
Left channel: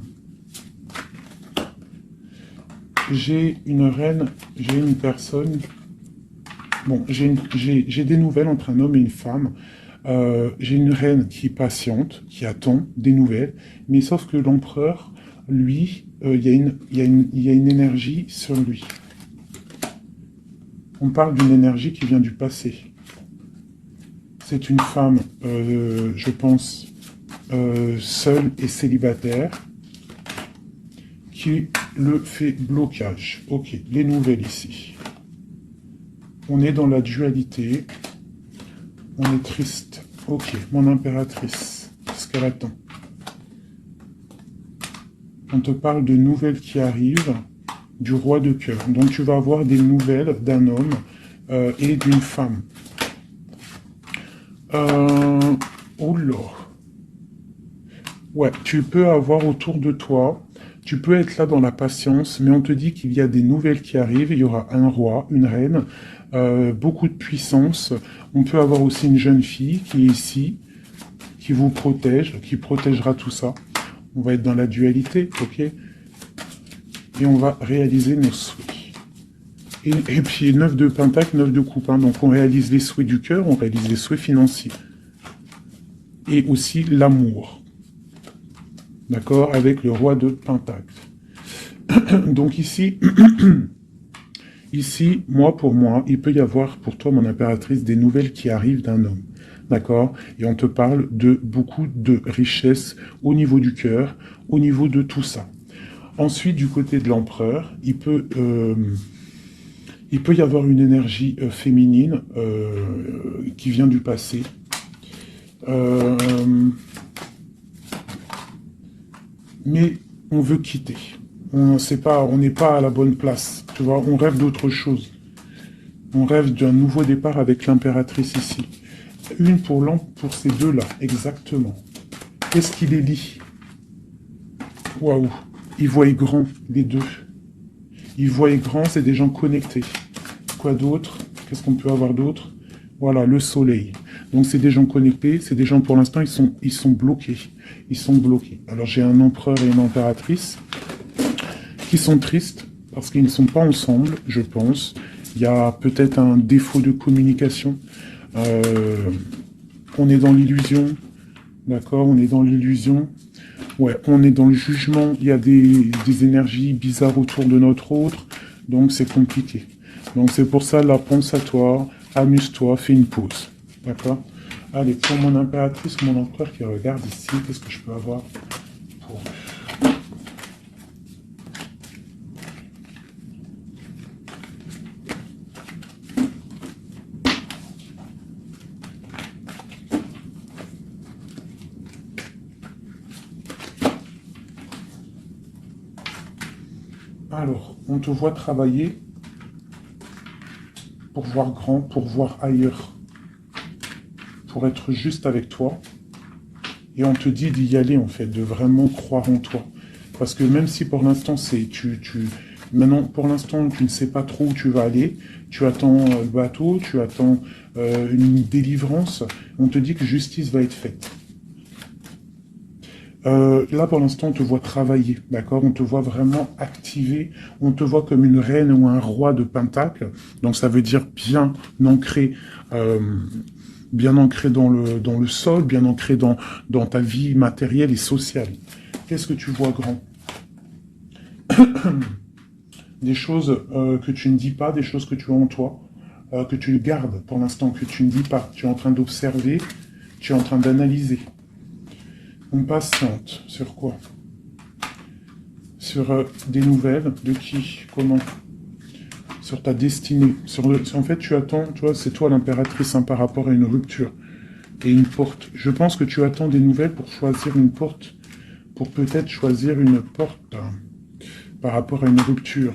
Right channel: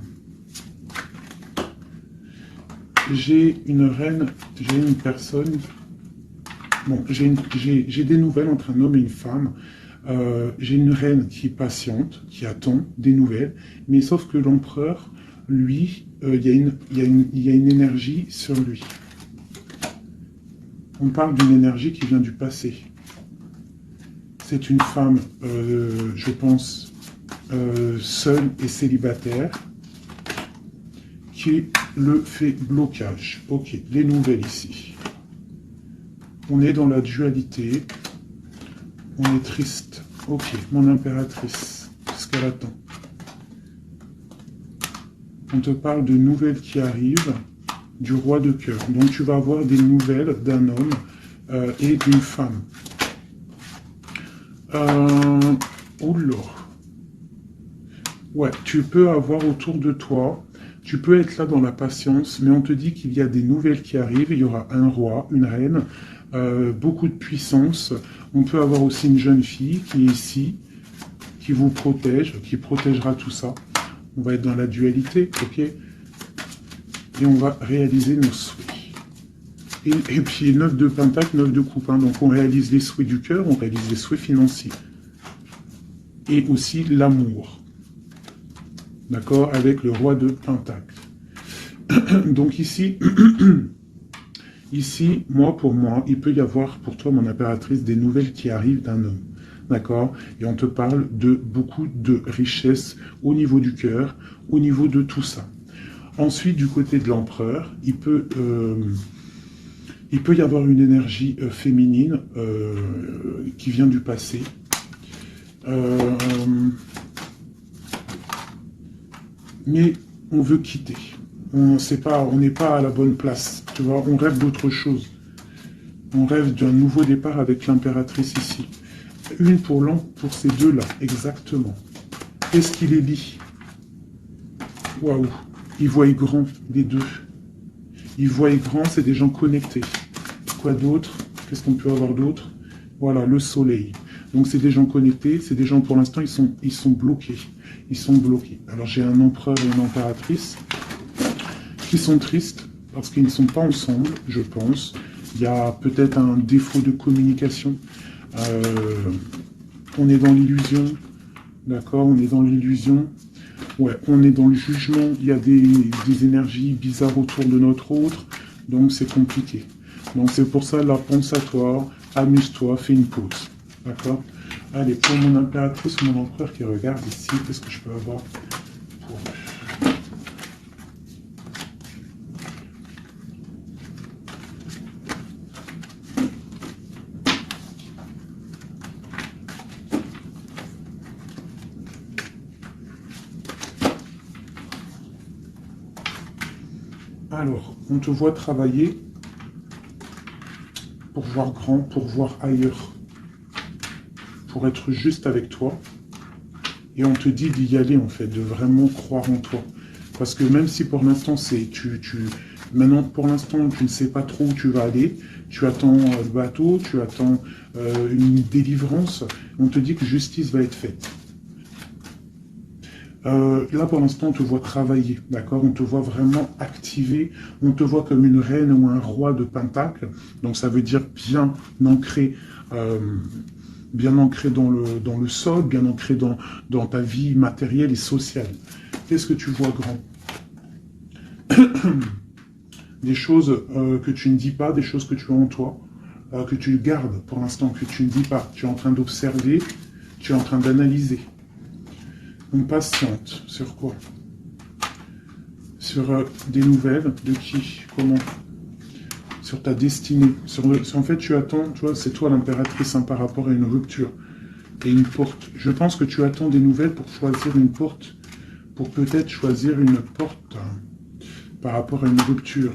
J'ai une reine, j'ai une personne... Bon, j'ai des nouvelles entre un homme et une femme. J'ai une reine qui est patiente, qui attend des nouvelles. Mais sauf que l'empereur, lui, il y a une énergie sur lui. On parle d'une énergie qui vient du passé. C'est une femme, je pense, seule et célibataire, qui le fait blocage. Ok, les nouvelles ici. On est dans la dualité. On est triste. Ok, mon impératrice, ce qu'elle attend. On te parle de nouvelles qui arrivent du roi de cœur. Donc tu vas avoir des nouvelles d'un homme et d'une femme. Oula. Ouais, tu peux avoir autour de toi, tu peux être là dans la patience, mais on te dit qu'il y a des nouvelles qui arrivent, il y aura un roi, une reine, beaucoup de puissance. On peut avoir aussi une jeune fille qui est ici, qui vous protège, qui protégera tout ça. On va être dans la dualité, ok? Et on va réaliser nos souhaits. Et puis 9 de pentacle, 9 de coupe. Hein, donc on réalise les souhaits du cœur, on réalise les souhaits financiers. Et aussi l'amour. D'accord? Avec le roi de pentacle. Donc ici, ici, pour moi, il peut y avoir pour toi, mon impératrice, des nouvelles qui arrivent d'un homme. D'accord? Et on te parle de beaucoup de richesses au niveau du cœur, au niveau de tout ça. Ensuite, du côté de l'empereur, il peut y avoir une énergie féminine qui vient du passé. Mais on veut quitter. On n'est pas à la bonne place. Tu vois, on rêve d'autre chose. On rêve d'un nouveau départ avec l'impératrice ici. Une pour ces deux-là, exactement. Qu'est-ce qu'il est dit? Waouh! Ils voient grand, les deux. Ils voient grand, c'est des gens connectés. Quoi d'autre? Qu'est-ce qu'on peut avoir d'autre? Voilà, le soleil. Donc c'est des gens connectés, c'est des gens pour l'instant, ils sont bloqués. Ils sont bloqués. Alors j'ai un empereur et une impératrice qui sont tristes parce qu'ils ne sont pas ensemble, je pense. Il y a peut-être un défaut de communication. On est dans l'illusion. D'accord, on est dans l'illusion. Ouais, on est dans le jugement. Il y a des énergies bizarres autour de notre autre. Donc c'est compliqué. Donc c'est pour ça, là, pense à toi, amuse-toi, fais une pause. D'accord? Allez, pour mon impératrice, mon empereur qui regarde ici, qu'est-ce que je peux avoir pour... Alors, on te voit travailler pour voir grand, pour voir ailleurs, pour être juste avec toi. Et on te dit d'y aller, en fait, de vraiment croire en toi. Parce que même si pour l'instant, maintenant, pour l'instant, tu ne sais pas trop où tu vas aller, tu attends le bateau, tu attends une délivrance, on te dit que justice va être faite. Là, pour l'instant, on te voit travailler, d'accord? On te voit vraiment activer, on te voit comme une reine ou un roi de Pentacle, donc ça veut dire bien ancré dans le sol, bien ancré dans ta vie matérielle et sociale. Qu'est-ce que tu vois, grand? Des choses que tu ne dis pas, des choses que tu as en toi, que tu gardes pour l'instant, que tu ne dis pas. Tu es en train d'observer, tu es en train d'analyser. On patiente. Sur quoi? Sur des nouvelles, de qui? Comment? Sur ta destinée. En fait, tu attends, tu vois, c'est toi l'impératrice par rapport à une rupture et une porte. Je pense que tu attends des nouvelles pour choisir une porte, pour peut-être choisir une porte par rapport à une rupture.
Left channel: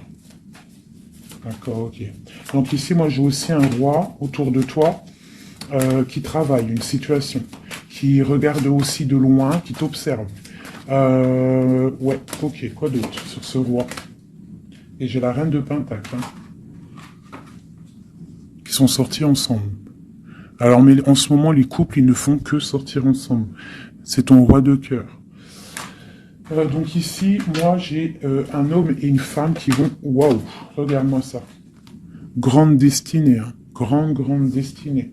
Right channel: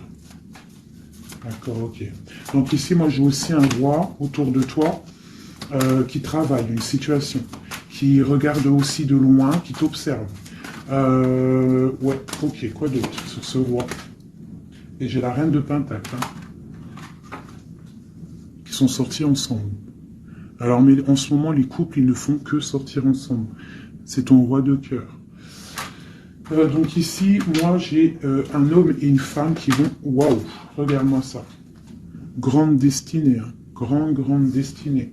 D'accord, ok. Donc ici, moi, j'ai aussi un roi autour de toi qui travaille une situation, qui regarde aussi de loin, qui t'observe. Ouais, ok, quoi d'autre sur ce roi? Et j'ai la reine de Pentacle, qui sont sortis ensemble. Alors, mais en ce moment, les couples, ils ne font que sortir ensemble. C'est ton roi de cœur. Donc ici, moi, j'ai un homme et une femme qui vont... Waouh, regarde-moi ça. Grande destinée, hein. Grande destinée.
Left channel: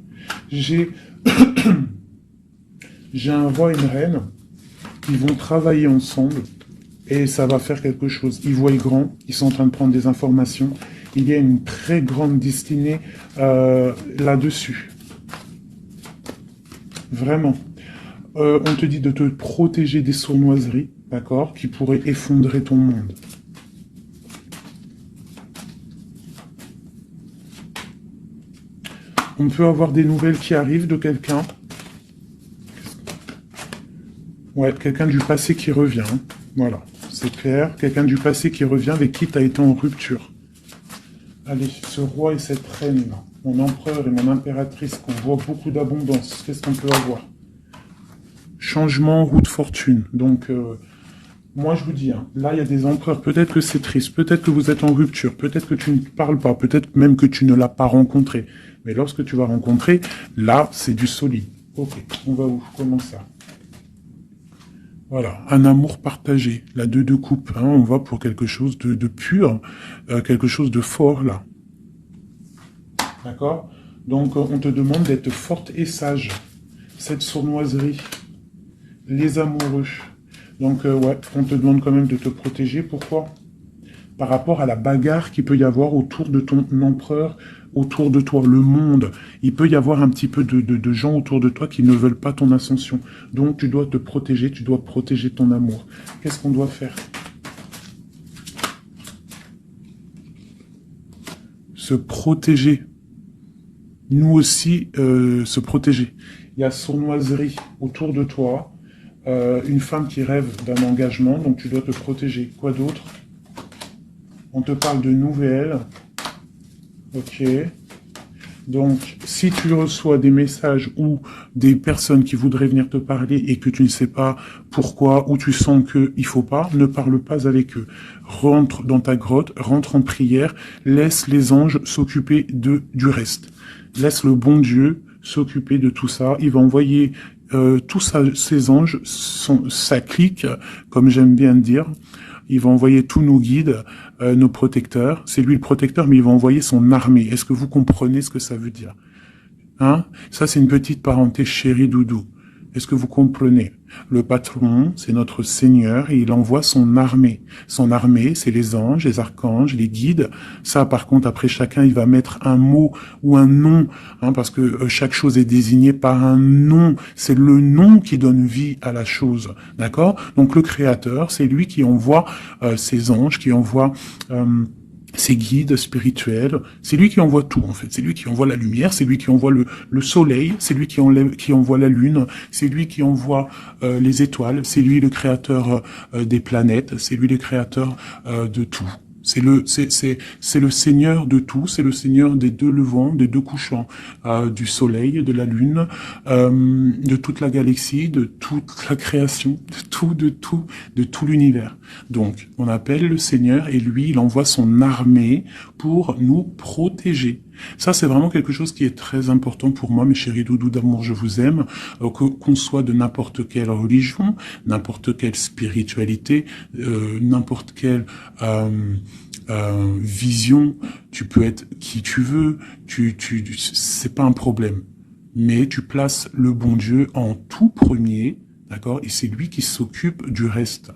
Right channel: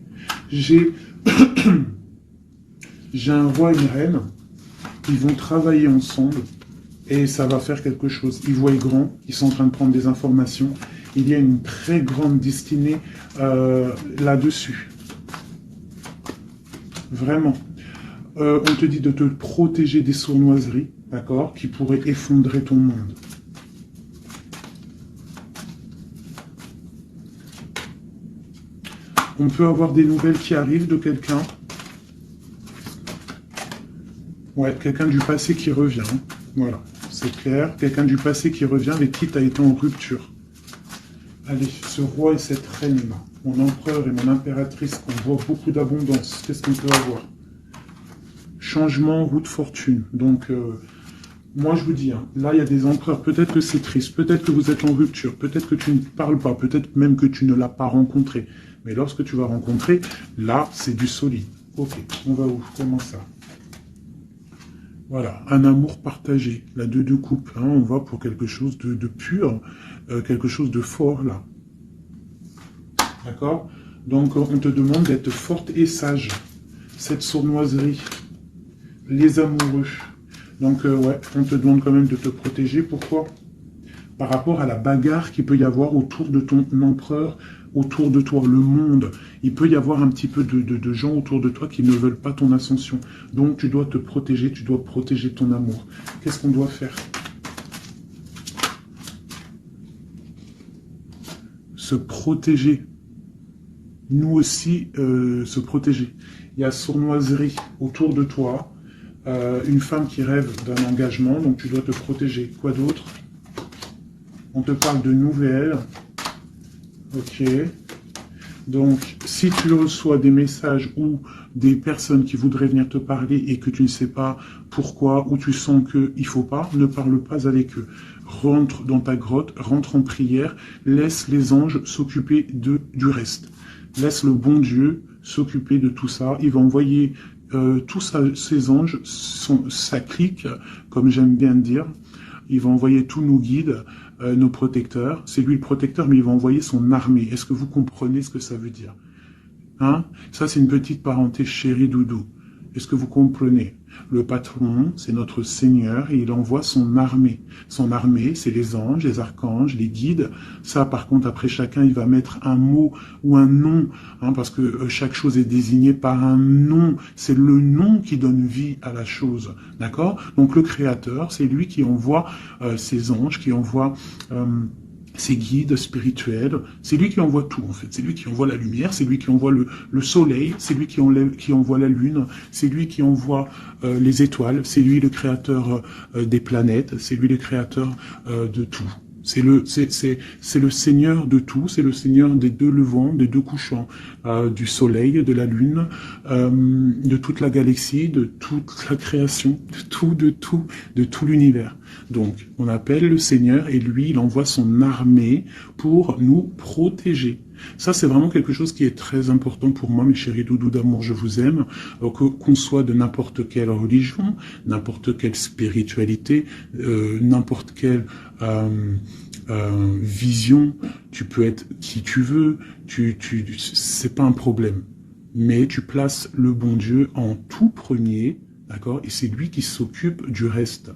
J'ai un roi et une reine. Ils vont travailler ensemble et ça va faire quelque chose. Ils voient grand, ils sont en train de prendre des informations. Il y a une très grande destinée là-dessus. Vraiment. On te dit de te protéger des sournoiseries, d'accord, qui pourraient effondrer ton monde. On peut avoir des nouvelles qui arrivent de quelqu'un. Ouais, quelqu'un du passé qui revient. Voilà, c'est clair. Quelqu'un du passé qui revient avec qui tu as été en rupture. Allez, ce roi et cette reine, mon empereur et mon impératrice, qu'on voit beaucoup d'abondance. Qu'est-ce qu'on peut avoir? Changement, roue de fortune. Donc, moi je vous dis, hein, là il y a des empereurs, peut-être que c'est triste, peut-être que vous êtes en rupture, peut-être que tu ne parles pas, peut-être même que tu ne l'as pas rencontré. Mais lorsque tu vas rencontrer, là c'est du solide. Ok, on va où? Comment ça? Voilà, un amour partagé, la deux de coupe, hein, on va pour quelque chose de pur, quelque chose de fort là. D'accord? Donc on te demande d'être forte et sage. Cette sournoiserie, les amoureux. Donc ouais, on te demande quand même de te protéger. Pourquoi? Par rapport à la bagarre qu'il peut y avoir autour de ton empereur, autour de toi, le monde. Il peut y avoir un petit peu de gens autour de toi qui ne veulent pas ton ascension. Donc tu dois te protéger, tu dois protéger ton amour. Qu'est-ce qu'on doit faire? Se protéger. Nous aussi, se protéger. Il y a sournoiserie autour de toi. Une femme qui rêve d'un engagement, donc tu dois te protéger. Quoi d'autre? On te parle de nouvelles. Ok. Donc, si tu reçois des messages ou des personnes qui voudraient venir te parler et que tu ne sais pas pourquoi, ou tu sens qu'il ne faut pas, ne parle pas avec eux. Rentre dans ta grotte, rentre en prière, laisse les anges s'occuper du reste. Laisse le bon Dieu s'occuper de tout ça. Il va envoyer tous ces anges, sa clique, comme j'aime bien dire. Il va envoyer tous nos guides, nos protecteurs. C'est lui le protecteur, mais il va envoyer son armée. Est-ce que vous comprenez ce que ça veut dire? Hein? Ça, c'est une petite parenthèse chérie doudou. Est-ce que vous comprenez? Le patron, c'est notre Seigneur, et il envoie son armée. Son armée, c'est les anges, les archanges, les guides. Ça, par contre, après, chacun, il va mettre un mot ou un nom, hein, parce que chaque chose est désignée par un nom. C'est le nom qui donne vie à la chose, d'accord? Donc, le Créateur, c'est lui qui envoie ses anges, qui envoie... ses guides spirituels, c'est lui qui envoie tout en fait, c'est lui qui envoie la lumière, c'est lui qui envoie le soleil, c'est lui qui envoie la lune, c'est lui qui envoie les étoiles, c'est lui le créateur des planètes, c'est lui le créateur de tout. C'est le Seigneur de tout, c'est le Seigneur des deux levants, des deux couchants, du soleil, de la lune, de toute la galaxie, de toute la création, de tout l'univers. Donc, on appelle le Seigneur et lui, il envoie son armée pour nous protéger. Ça, c'est vraiment quelque chose qui est très important pour moi, mes chéris doudous d'amour, je vous aime, qu'on soit de n'importe quelle religion, n'importe quelle spiritualité, n'importe quelle vision, tu peux être qui tu veux, c'est pas un problème. Mais tu places le bon Dieu en tout premier, d'accord, et c'est lui qui s'occupe du reste.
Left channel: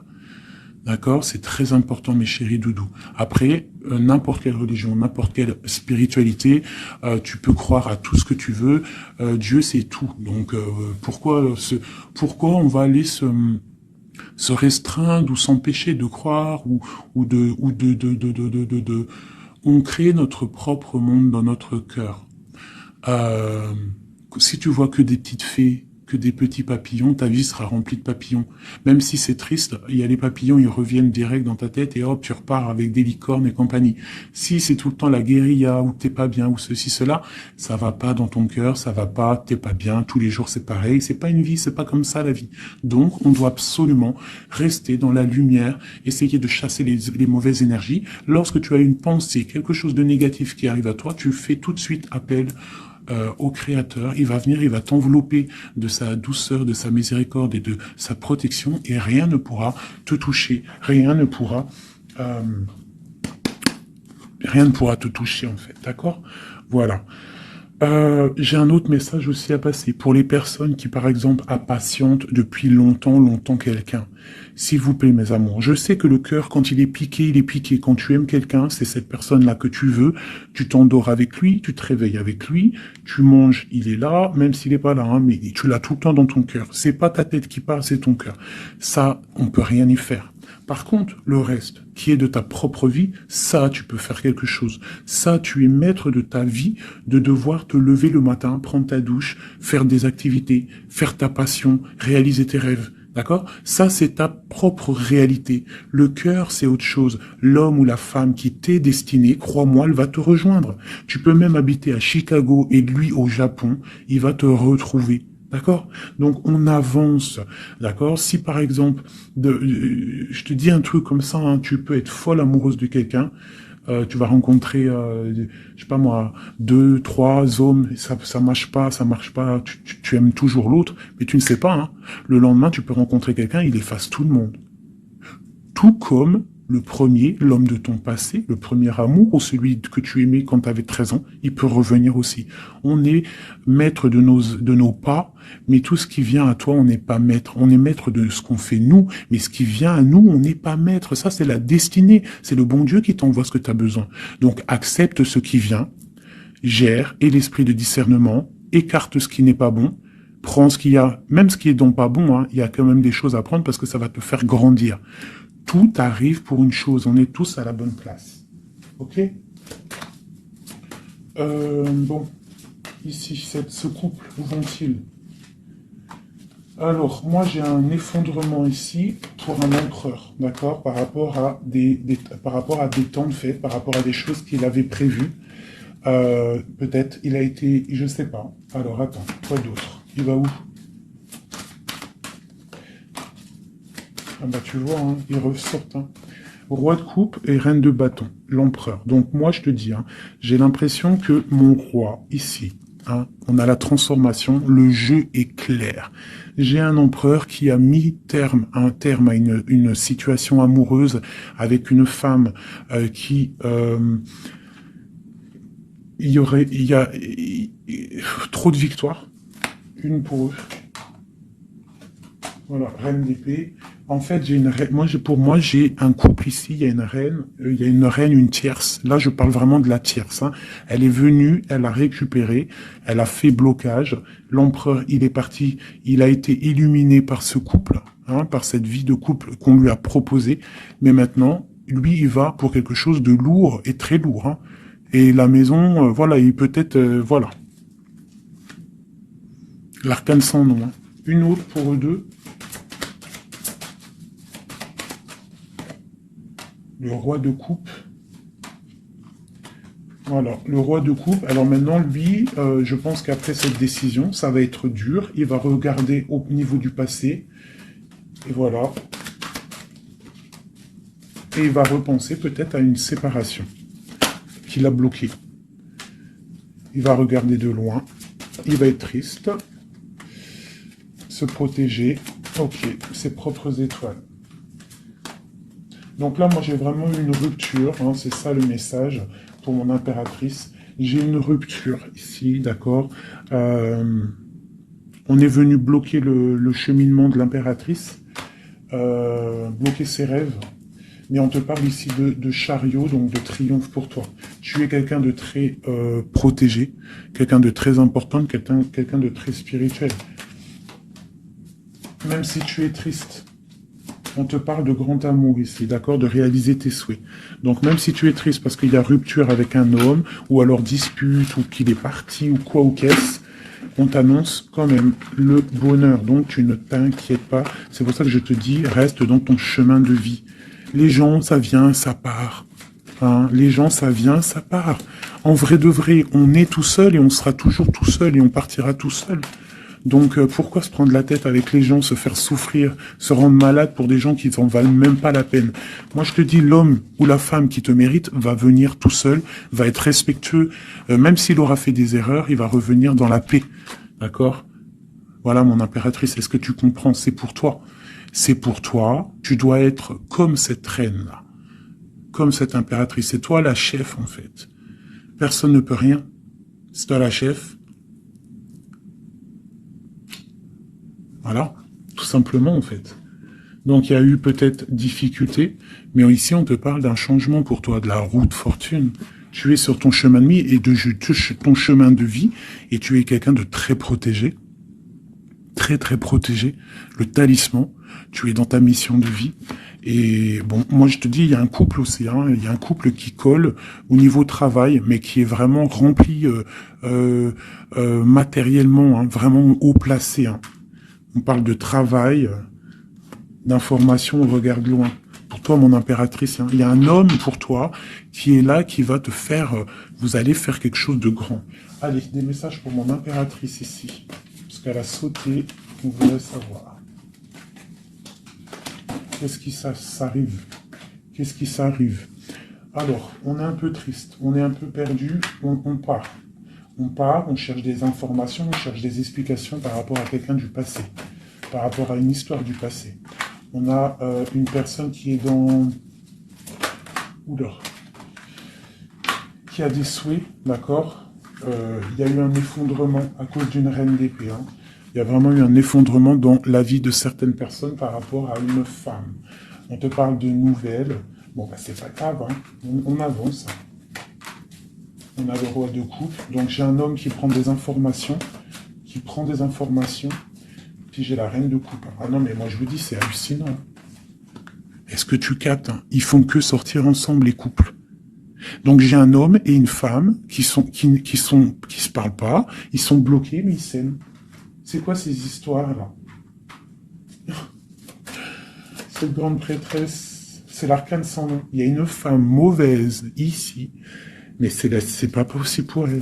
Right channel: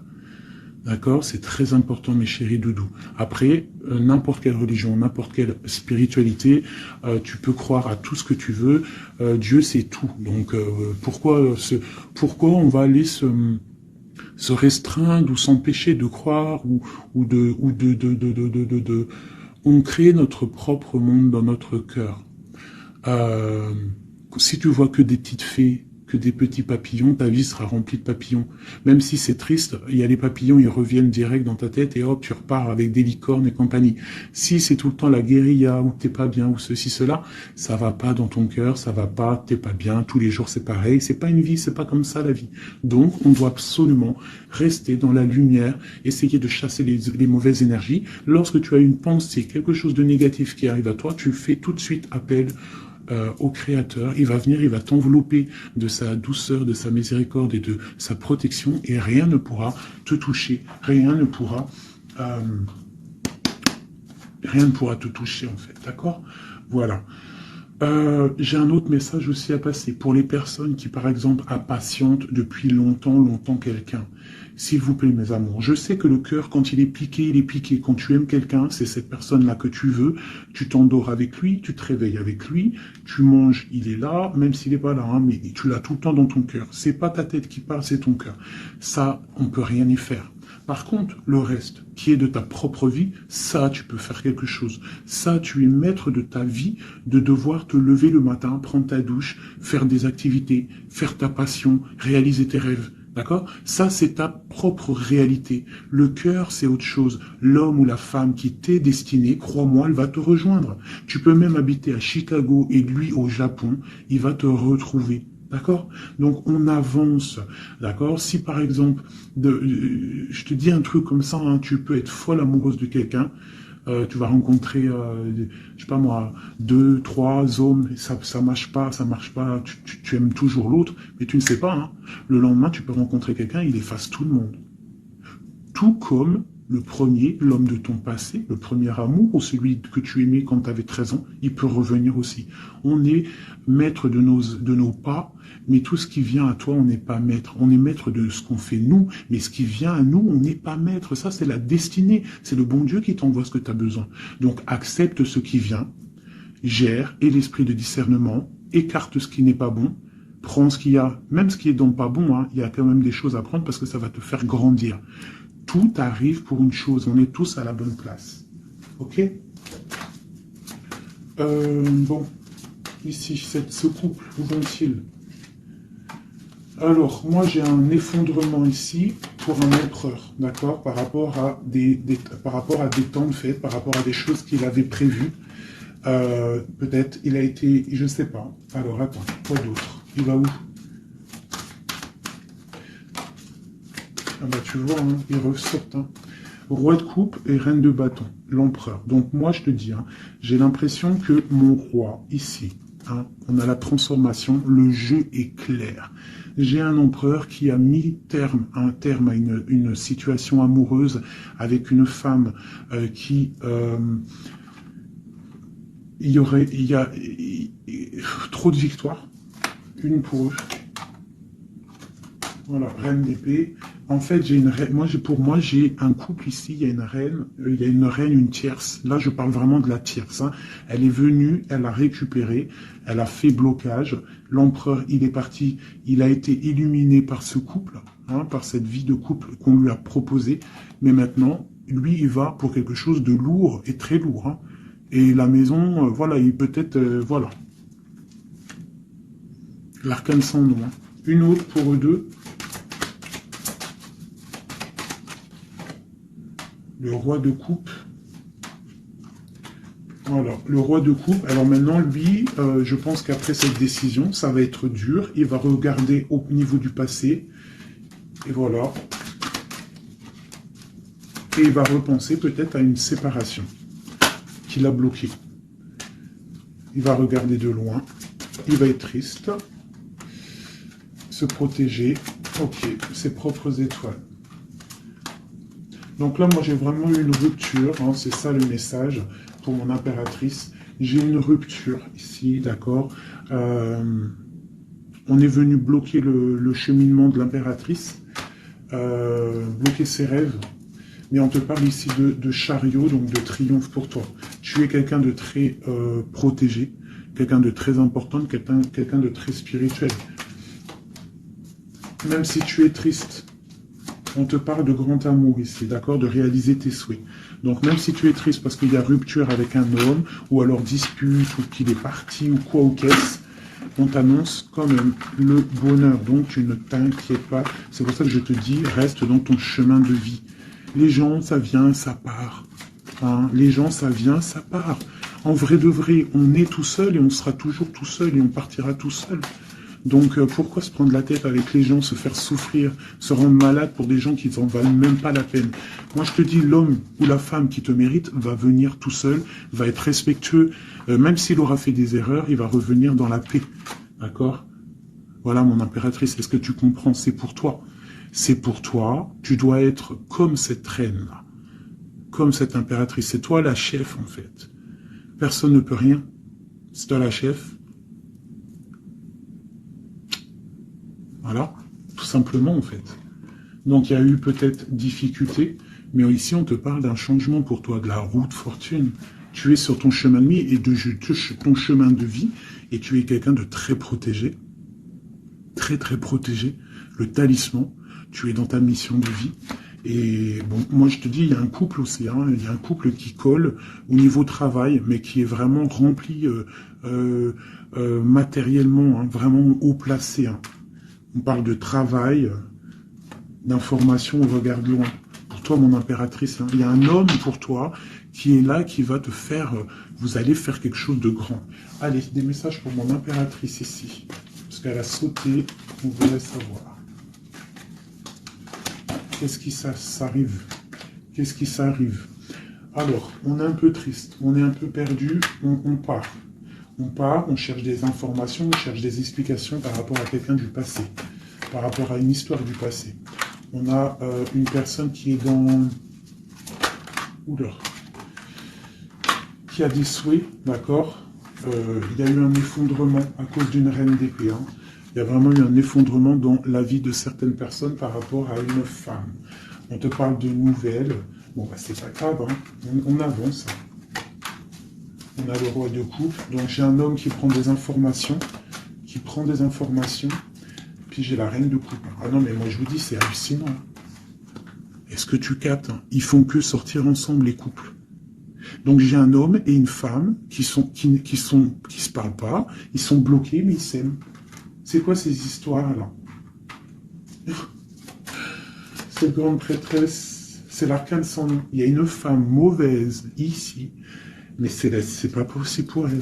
D'accord, c'est très important, mes chéris doudous. Après, n'importe quelle religion, n'importe quelle spiritualité, tu peux croire à tout ce que tu veux. Dieu, c'est tout. Donc, pourquoi on va aller se restreindre ou s'empêcher de croire on crée notre propre monde dans notre cœur. Si tu vois que des petites fées, que des petits papillons, ta vie sera remplie de papillons. Même si c'est triste, il y a les papillons, ils reviennent direct dans ta tête et hop, tu repars avec des licornes et compagnie. Si c'est tout le temps la guérilla, ou t'es pas bien, ou ceci, cela, ça va pas dans ton cœur, ça va pas, t'es pas bien, tous les jours c'est pareil, c'est pas une vie, c'est pas comme ça la vie. Donc, on doit absolument rester dans la lumière, essayer de chasser les mauvaises énergies. Lorsque tu as une pensée, quelque chose de négatif qui arrive à toi, tu fais tout de suite appel au Créateur, il va venir, il va t'envelopper de sa douceur, de sa miséricorde et de sa protection, et rien ne pourra te toucher, rien ne pourra te toucher en fait, d'accord? Voilà. J'ai un autre message aussi à passer pour les personnes qui, par exemple, impatientent depuis longtemps quelqu'un. S'il vous plaît, mes amours, je sais que le cœur, quand il est piqué, il est piqué. Quand tu aimes quelqu'un, c'est cette personne-là que tu veux. Tu t'endors avec lui, tu te réveilles avec lui, tu manges, il est là, même s'il n'est pas là, hein, mais tu l'as tout le temps dans ton cœur. C'est pas ta tête qui parle, c'est ton cœur. Ça, on peut rien y faire. Par contre, le reste, qui est de ta propre vie, ça, tu peux faire quelque chose. Ça, tu es maître de ta vie, de devoir te lever le matin, prendre ta douche, faire des activités, faire ta passion, réaliser tes rêves. D'accord? Ça, c'est ta propre réalité. Le cœur, c'est autre chose. L'homme ou la femme qui t'est destiné, crois-moi, elle va te rejoindre. Tu peux même habiter à Chicago et lui au Japon, il va te retrouver. D'accord? Donc, on avance. D'accord? Si, par exemple, je te dis un truc comme ça, hein, tu peux être folle amoureuse de quelqu'un, tu vas rencontrer, je sais pas moi, 2, 3 hommes, ça marche pas, tu aimes toujours l'autre, mais tu ne sais pas, hein. Le lendemain, tu peux rencontrer quelqu'un, il efface tout le monde. Tout comme le premier, l'homme de ton passé, le premier amour, ou celui que tu aimais quand tu avais 13 ans, il peut revenir aussi. On est maître de nos pas, mais tout ce qui vient à toi, on n'est pas maître. On est maître de ce qu'on fait nous, mais ce qui vient à nous, on n'est pas maître. Ça, c'est la destinée. C'est le bon Dieu qui t'envoie ce que tu as besoin. Donc, accepte ce qui vient, gère, et l'esprit de discernement, écarte ce qui n'est pas bon, prends ce qu'il y a, même ce qui est donc pas bon, hein, il y a quand même des choses à prendre parce que ça va te faire grandir. Tout arrive pour une chose, on est tous à la bonne place. Ok? Bon, ici, ce couple, où vont-ils? Alors, moi j'ai un effondrement ici pour un empereur, d'accord? Par rapport à des temps de fête, par rapport à des choses qu'il avait prévues. Peut-être, il a été, je sais pas. Alors, attends, quoi d'autre? Il va où? Ah bah tu vois, hein, ils ressortent. Hein. Roi de coupe et reine de bâton, l'empereur. Donc moi je te dis, hein, j'ai l'impression que mon roi, ici, hein, on a la transformation, le jeu est clair. J'ai un empereur qui a mis un terme à une situation amoureuse avec une femme qui... il y a trop de victoires, une pour eux. Voilà, reine d'épée. En fait, j'ai une reine. Pour moi, j'ai un couple ici. Il y a une reine, une tierce. Là, je parle vraiment de la tierce. Hein. Elle est venue, elle a récupéré, elle a fait blocage. L'empereur, il est parti. Il a été illuminé par ce couple, hein, par cette vie de couple qu'on lui a proposée. Mais maintenant, lui, il va pour quelque chose de lourd et très lourd. Hein. Et la maison, voilà, il peut-être, voilà. L'arcane sans nom. Hein. Une autre pour eux deux. Le roi de coupe Voilà, le roi de coupe. Alors maintenant, lui, je pense qu'après cette décision, ça va être dur. Il va regarder au niveau du passé. Et voilà. Et il va repenser peut-être à une séparation qui l'a bloqué. Il va regarder de loin. Il va être triste. Se protéger. Ok, ses propres étoiles. Donc là, moi, j'ai vraiment eu une rupture. Hein, c'est ça le message pour mon impératrice. J'ai une rupture ici, d'accord. On est venu bloquer le cheminement de l'impératrice, bloquer ses rêves. Mais on te parle ici de chariot, donc de triomphe pour toi. Tu es quelqu'un de très protégé, quelqu'un de très important, quelqu'un de très spirituel. Même si tu es triste, on te parle de grand amour ici, d'accord, de réaliser tes souhaits. Donc même si tu es triste parce qu'il y a rupture avec un homme, ou alors dispute, ou qu'il est parti, ou quoi ou qu'est-ce, on t'annonce quand même le bonheur. Donc tu ne t'inquiètes pas. C'est pour ça que je te dis, reste dans ton chemin de vie. Les gens, ça vient, ça part. Hein, les gens, ça vient, ça part. En vrai de vrai, on est tout seul et on sera toujours tout seul et on partira tout seul. Donc pourquoi se prendre la tête avec les gens, se faire souffrir, se rendre malade pour des gens qui n'en valent même pas la peine? Moi je te dis, l'homme ou la femme qui te mérite va venir tout seul, va être respectueux, même s'il aura fait des erreurs, il va revenir dans la paix. D'accord? Voilà mon impératrice, est-ce que tu comprends? C'est pour toi. C'est pour toi, tu dois être comme cette reine-là, comme cette impératrice. C'est toi la chef en fait. Personne ne peut rien. C'est toi la chef. Voilà, tout simplement en fait. Donc il y a eu peut-être difficulté, mais ici on te parle d'un changement pour toi, de la roue de fortune. Tu es sur ton chemin de vie et ton chemin de vie, et tu es quelqu'un de très protégé, très très protégé. Le talisman, tu es dans ta mission de vie. Et bon, moi je te dis, il y a un couple aussi, hein, il y a un couple qui colle au niveau travail, mais qui est vraiment rempli matériellement, hein, vraiment haut placé. Hein. On parle de travail, d'information, on regarde loin. Pour toi, mon impératrice, hein, il y a un homme pour toi qui est là, qui va te faire... vous allez faire quelque chose de grand. Allez, des messages pour mon impératrice ici. Parce qu'elle a sauté, on voulait savoir. Qu'est-ce qui s'arrive? Qu'est-ce qui s'arrive? Alors, on est un peu triste, on est un peu perdu, on part. On part, on cherche des informations, on cherche des explications par rapport à quelqu'un du passé, par rapport à une histoire du passé. On a une personne qui est dans... Oula. Qui a des souhaits, d'accord. Il y a eu un effondrement à cause d'une reine d'épée. Hein. Il y a vraiment eu un effondrement dans la vie de certaines personnes par rapport à une femme. On te parle de nouvelles. Bon, bah, c'est pas grave, hein. On avance. Hein. On a le roi de coupe. Donc j'ai un homme qui prend des informations, puis j'ai la reine de coupe. Ah non, mais moi je vous dis, c'est hallucinant. Est-ce que tu captes? Ils font que sortir ensemble, les couples. Donc j'ai un homme et une femme qui se parlent pas, ils sont bloqués, mais ils s'aiment. C'est quoi ces histoires-là? Cette grande prêtresse, c'est l'arcane sans nom. Il y a une femme mauvaise ici, mais c'est pas possible pour elle.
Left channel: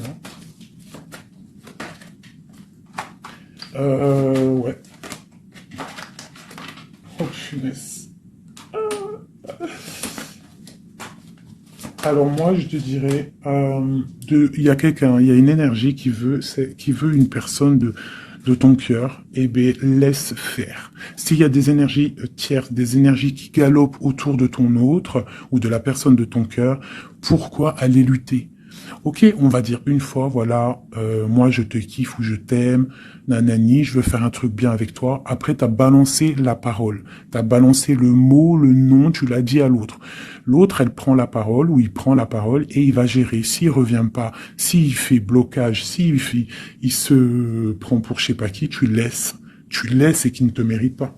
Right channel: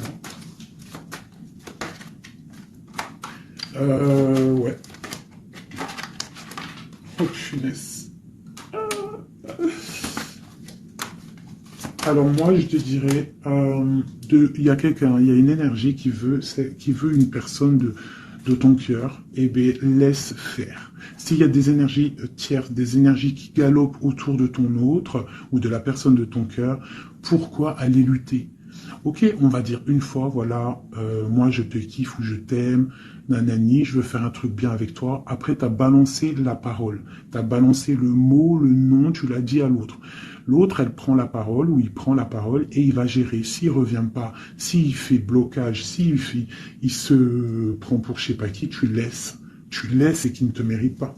Hein. Ouais. Oh, punaise. Alors moi, je te dirais, il y a quelqu'un, il y a une énergie qui veut une personne de ton cœur, eh bien, laisse faire. S'il y a des énergies tierces, des énergies qui galopent autour de ton autre, ou de la personne de ton cœur, pourquoi aller lutter? Ok, on va dire une fois, voilà, moi je te kiffe ou je t'aime, nanani, je veux faire un truc bien avec toi. Après, tu as balancé la parole, tu as balancé le mot, le nom, tu l'as dit à l'autre. L'autre, elle prend la parole ou il prend la parole et il va gérer. S'il revient pas, s'il fait blocage, il se prend pour je sais pas qui, tu laisses. Tu laisses et qui ne te mérite pas.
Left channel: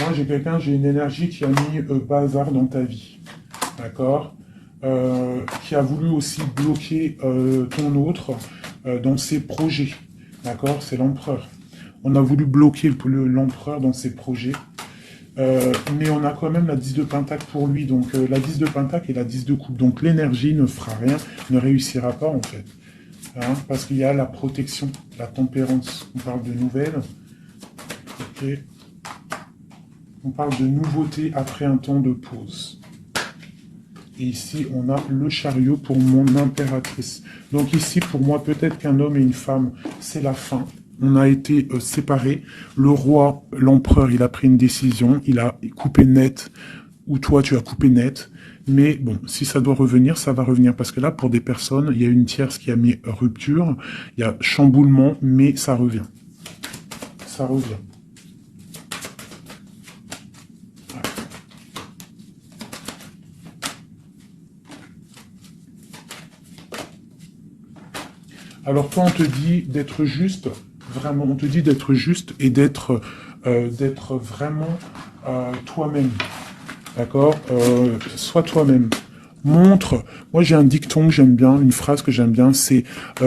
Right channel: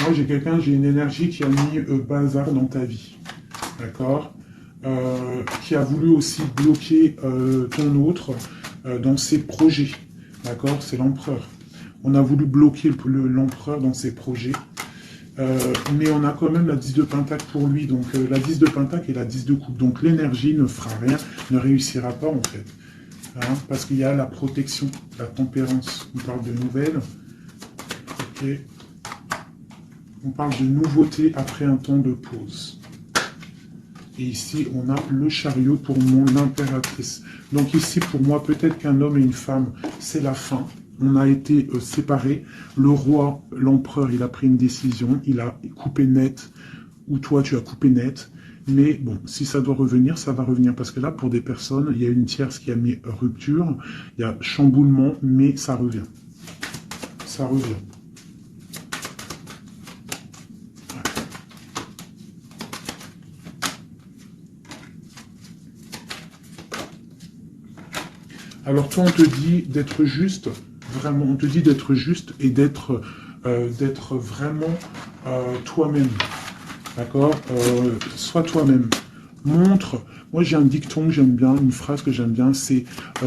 Moi, j'ai une énergie qui a mis bazar dans ta vie. D'accord, qui a voulu aussi bloquer ton autre dans ses projets. D'accord, c'est l'empereur. On a voulu bloquer l'empereur dans ses projets. Mais on a quand même la 10 de pentacle pour lui. Donc la 10 de pentacle et la 10 de coupe. Donc l'énergie ne fera rien, ne réussira pas en fait. Hein, parce qu'il y a la protection, la tempérance. On parle de nouvelles. Ok. On parle de nouveauté après un temps de pause. Et ici, on a le chariot pour mon impératrice. Donc ici, pour moi, peut-être qu'un homme et une femme, c'est la fin. On a été séparés. Le roi, l'empereur, il a pris une décision. Il a coupé net, ou toi, tu as coupé net. Mais bon, si ça doit revenir, ça va revenir. Parce que là, pour des personnes, il y a une tierce qui a mis rupture. Il y a chamboulement, mais ça revient. Ça revient. Alors toi, on te dit d'être juste, vraiment, on te dit d'être juste et d'être vraiment toi-même. D'accord. Sois toi-même. Montre, moi j'ai un dicton que j'aime bien, une phrase que j'aime bien, c'est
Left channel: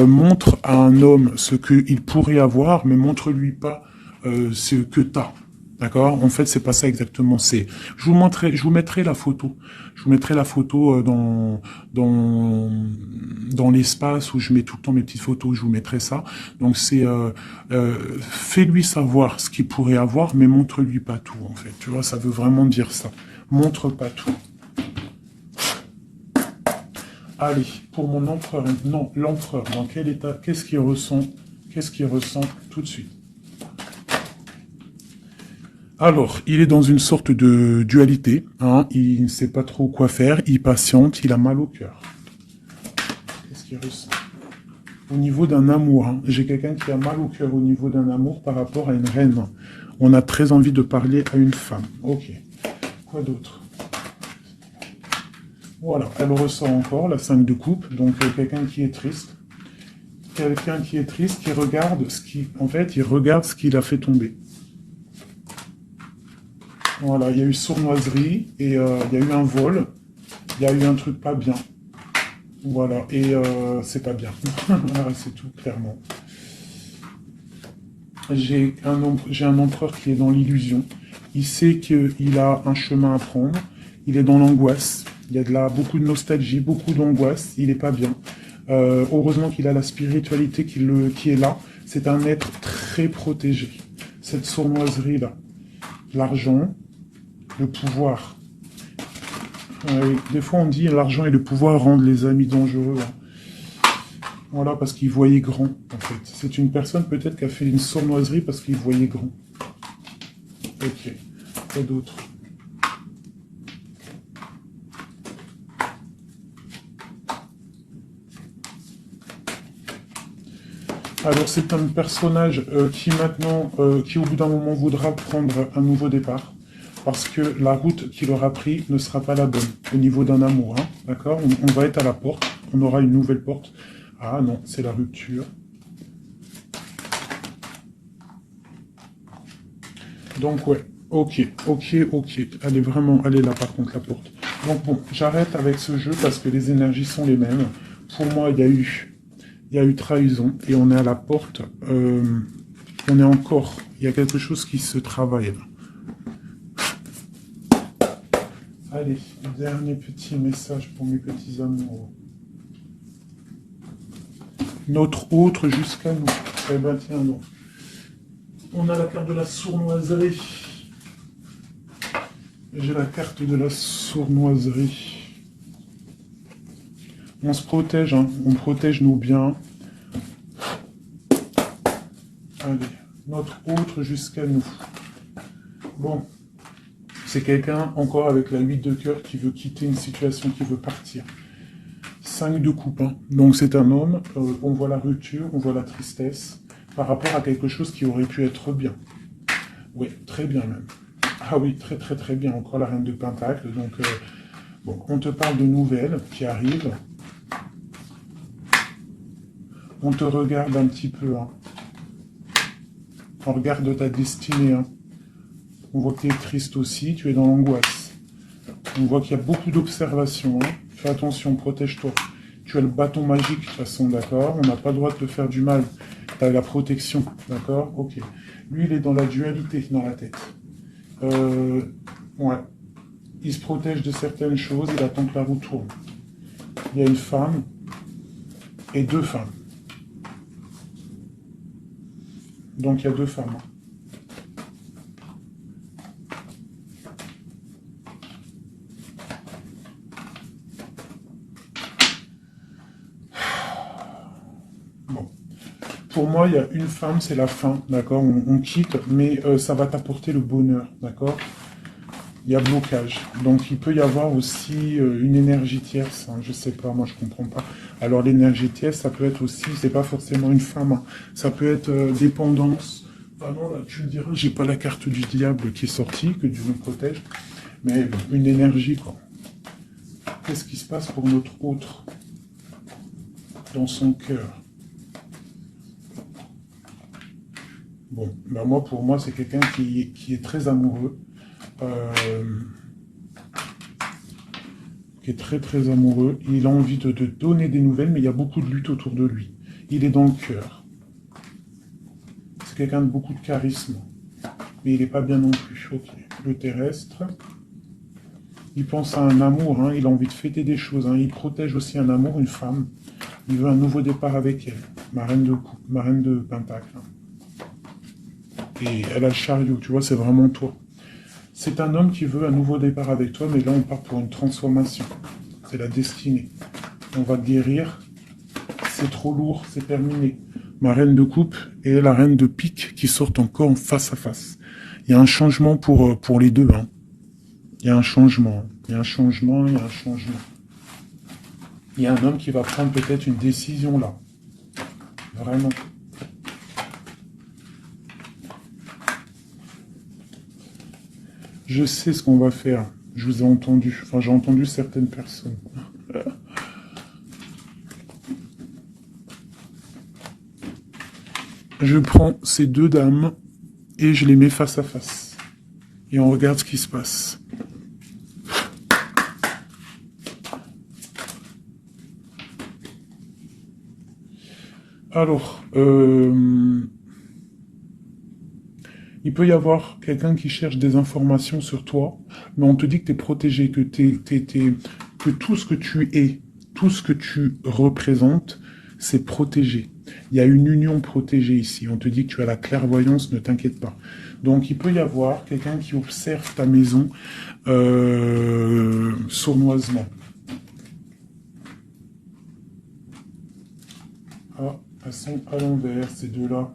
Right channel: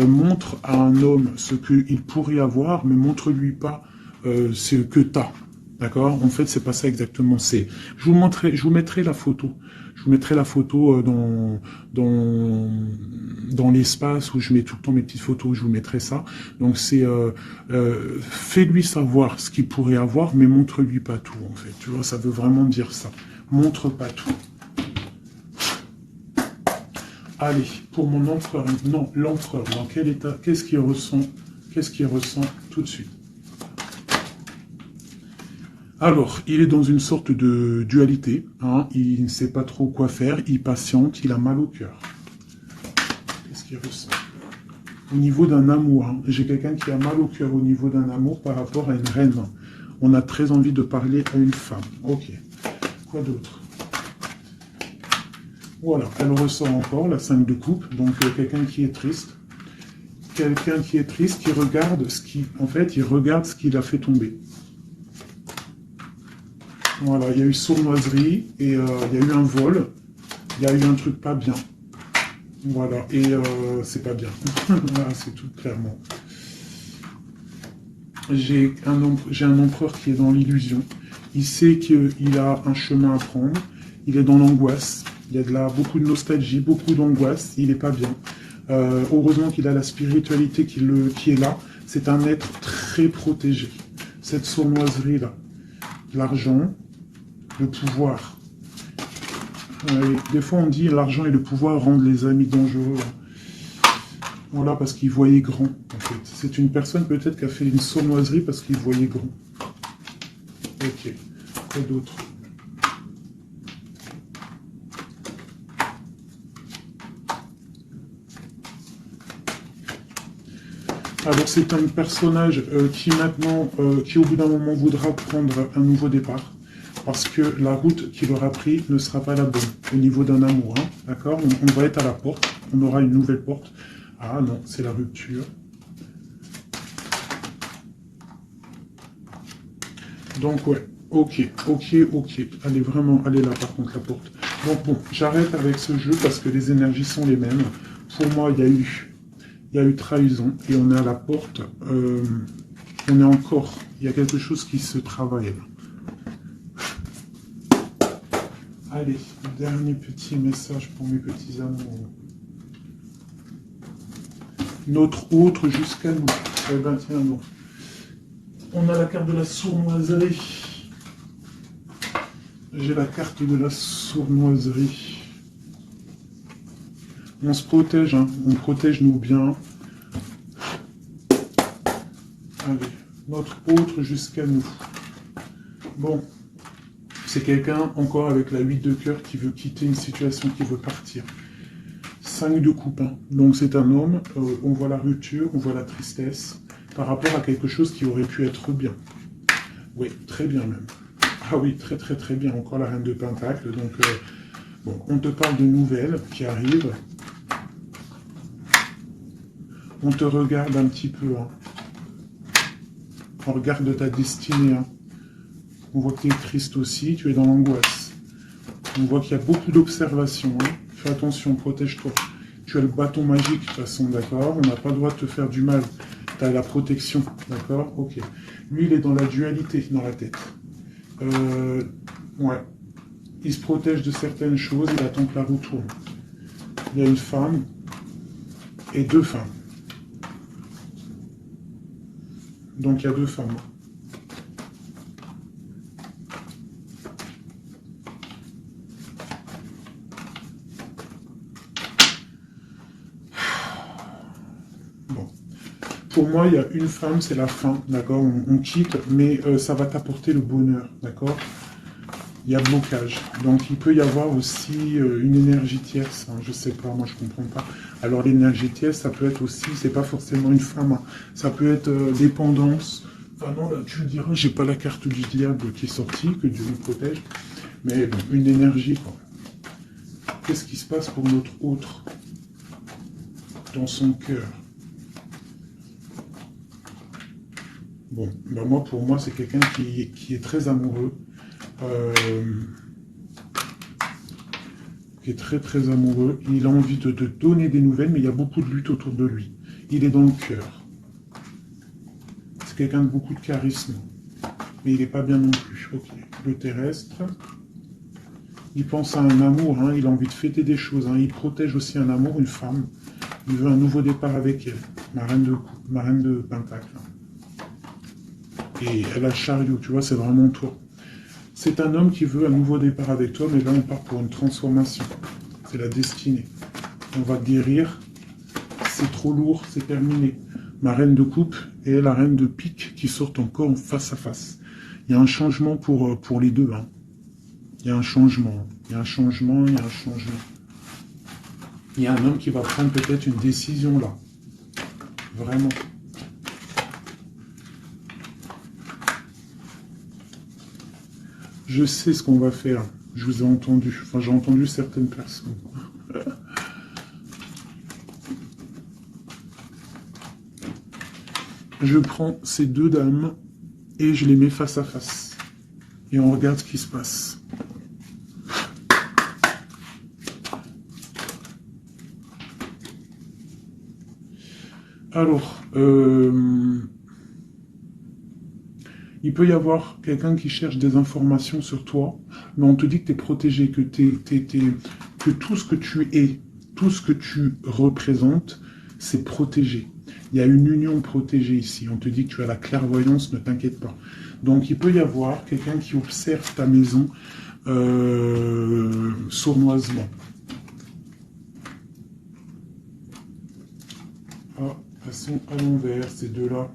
montre à un homme ce qu'il pourrait avoir, mais montre-lui pas ce que tu as. D'accord. En fait, c'est pas ça exactement. Je vous mettrai la photo. Je vous mettrai la photo dans l'espace où je mets tout le temps mes petites photos. Je vous mettrai ça. Donc c'est fais-lui savoir ce qu'il pourrait avoir, mais montre-lui pas tout. En fait, tu vois, ça veut vraiment dire ça. Montre pas tout. Allez, pour mon empereur, non, l'empereur, dans quel état, qu'est-ce qu'il ressent tout de suite? Alors, il est dans une sorte de dualité, hein, il ne sait pas trop quoi faire, il patiente, il a mal au cœur. Qu'est-ce qu'il ressent? Au niveau d'un amour, hein, j'ai quelqu'un qui a mal au cœur au niveau d'un amour par rapport à une reine. On a très envie de parler à une femme. Ok, quoi d'autre? Voilà, elle ressent encore la 5 de coupe, donc quelqu'un qui est triste. Quelqu'un qui est triste, qui regarde en fait, il regarde ce qu'il a fait tomber. Voilà, il y a eu sournoiserie, et il y a eu un vol, il y a eu un truc pas bien. Voilà, et c'est pas bien. Voilà, c'est tout, clairement. J'ai un empereur qui est dans l'illusion. Il sait qu'il a un chemin à prendre. Il est dans l'angoisse. Il y a beaucoup de nostalgie, beaucoup d'angoisse. Il n'est pas bien. Heureusement qu'il a la spiritualité qui est là. C'est un être très protégé. Cette sournoiserie-là. L'argent, le pouvoir. Des fois, on dit l'argent et le pouvoir rendent les amis dangereux. Voilà, parce qu'il voyait grand, en fait. C'est une personne peut-être qui a fait une sournoiserie parce qu'il voyait grand. Ok. Et d'autres. Alors c'est un personnage qui maintenant, qui au bout d'un moment voudra prendre un nouveau départ. Parce que la route qu'il aura pris ne sera pas la bonne au niveau d'un amour. Hein, d'accord, on va être à la porte, on aura une nouvelle porte. Ah non, c'est la rupture. Donc ouais, ok. Elle est là par contre la porte. Donc bon, j'arrête avec ce jeu parce que les énergies sont les mêmes. Pour moi, il y a eu trahison et on est à la porte. On est encore, il y a quelque chose qui se travaille là. Allez, dernier petit message pour mes petits amoureux. Notre autre jusqu'à nous. Eh bien, tiens, non. On a la carte de la sournoiserie. J'ai la carte de la sournoiserie. On se protège, hein. On protège nos biens. Allez, notre autre jusqu'à nous. Bon. C'est quelqu'un, encore avec la 8 de cœur, qui veut quitter une situation, qui veut partir. 5 de coupe. Hein. Donc c'est un homme, on voit la rupture, on voit la tristesse, par rapport à quelque chose qui aurait pu être bien. Oui, très bien même. Ah oui, très bien. Encore la reine de pentacle. Donc, bon, on te parle de nouvelles qui arrivent. On te regarde un petit peu. Hein. On regarde ta destinée. Hein. On voit que tu es triste aussi, tu es dans l'angoisse. On voit qu'il y a beaucoup d'observations. Hein. Fais attention, protège-toi. Tu as le bâton magique, de toute façon, d'accord? On n'a pas le droit de te faire du mal. Tu as la protection, d'accord? Ok. Lui, il est dans la dualité, dans la tête. Ouais. Il se protège de certaines choses, il attend que la roue tourne. Il y a une femme et deux femmes. Donc il y a deux femmes. Bon. Pour moi, il y a une femme, c'est la fin, d'accord, on quitte, mais ça va t'apporter le bonheur, d'accord. Il y a blocage. Donc il peut y avoir aussi une énergie tierce, hein, je sais pas, moi je comprends pas. Alors l'énergie tierce, ça peut être aussi, c'est pas forcément une femme, hein, ça peut être dépendance. Enfin non, là tu me diras, j'ai pas la carte du diable qui est sortie, que Dieu nous protège, mais bon, une énergie quoi. Qu'est-ce qui se passe pour notre autre dans son cœur? Bon, ben moi pour moi c'est quelqu'un qui est très amoureux. Qui est très très amoureux, il a envie de donner des nouvelles, mais il y a beaucoup de lutte autour de lui. Il est dans le cœur. C'est quelqu'un de beaucoup de charisme, mais il n'est pas bien non plus. Ok. Le terrestre, il pense à un amour, hein, il a envie de fêter des choses, hein, il protège aussi un amour, une femme, il veut un nouveau départ avec elle, ma reine de Pentacle. Et elle a le chariot, tu vois, c'est vraiment toi. C'est un homme qui veut un nouveau départ avec toi, mais là on part pour une transformation. C'est la destinée. On va guérir. C'est trop lourd, c'est terminé. Ma reine de coupe et la reine de pique qui sortent encore face à face. Il y a un changement pour les deux. Hein. Il y a un changement. Il y a un changement, il y a un changement. Il y a un homme qui va prendre peut-être une décision là. Vraiment. Je sais ce qu'on va faire. Je vous ai entendu. Enfin, j'ai entendu certaines personnes. Je prends ces deux dames et je les mets face à face. Et on regarde ce qui se passe. Alors, il peut y avoir quelqu'un qui cherche des informations sur toi, mais on te dit que tu es protégé, que tout ce que tu es, tout ce que tu représentes, c'est protégé. Il y a une union protégée ici. On te dit que tu as la clairvoyance, ne t'inquiète pas. Donc il peut y avoir quelqu'un qui observe ta maison sournoisement. Ah, elles sont à l'envers, ces deux-là.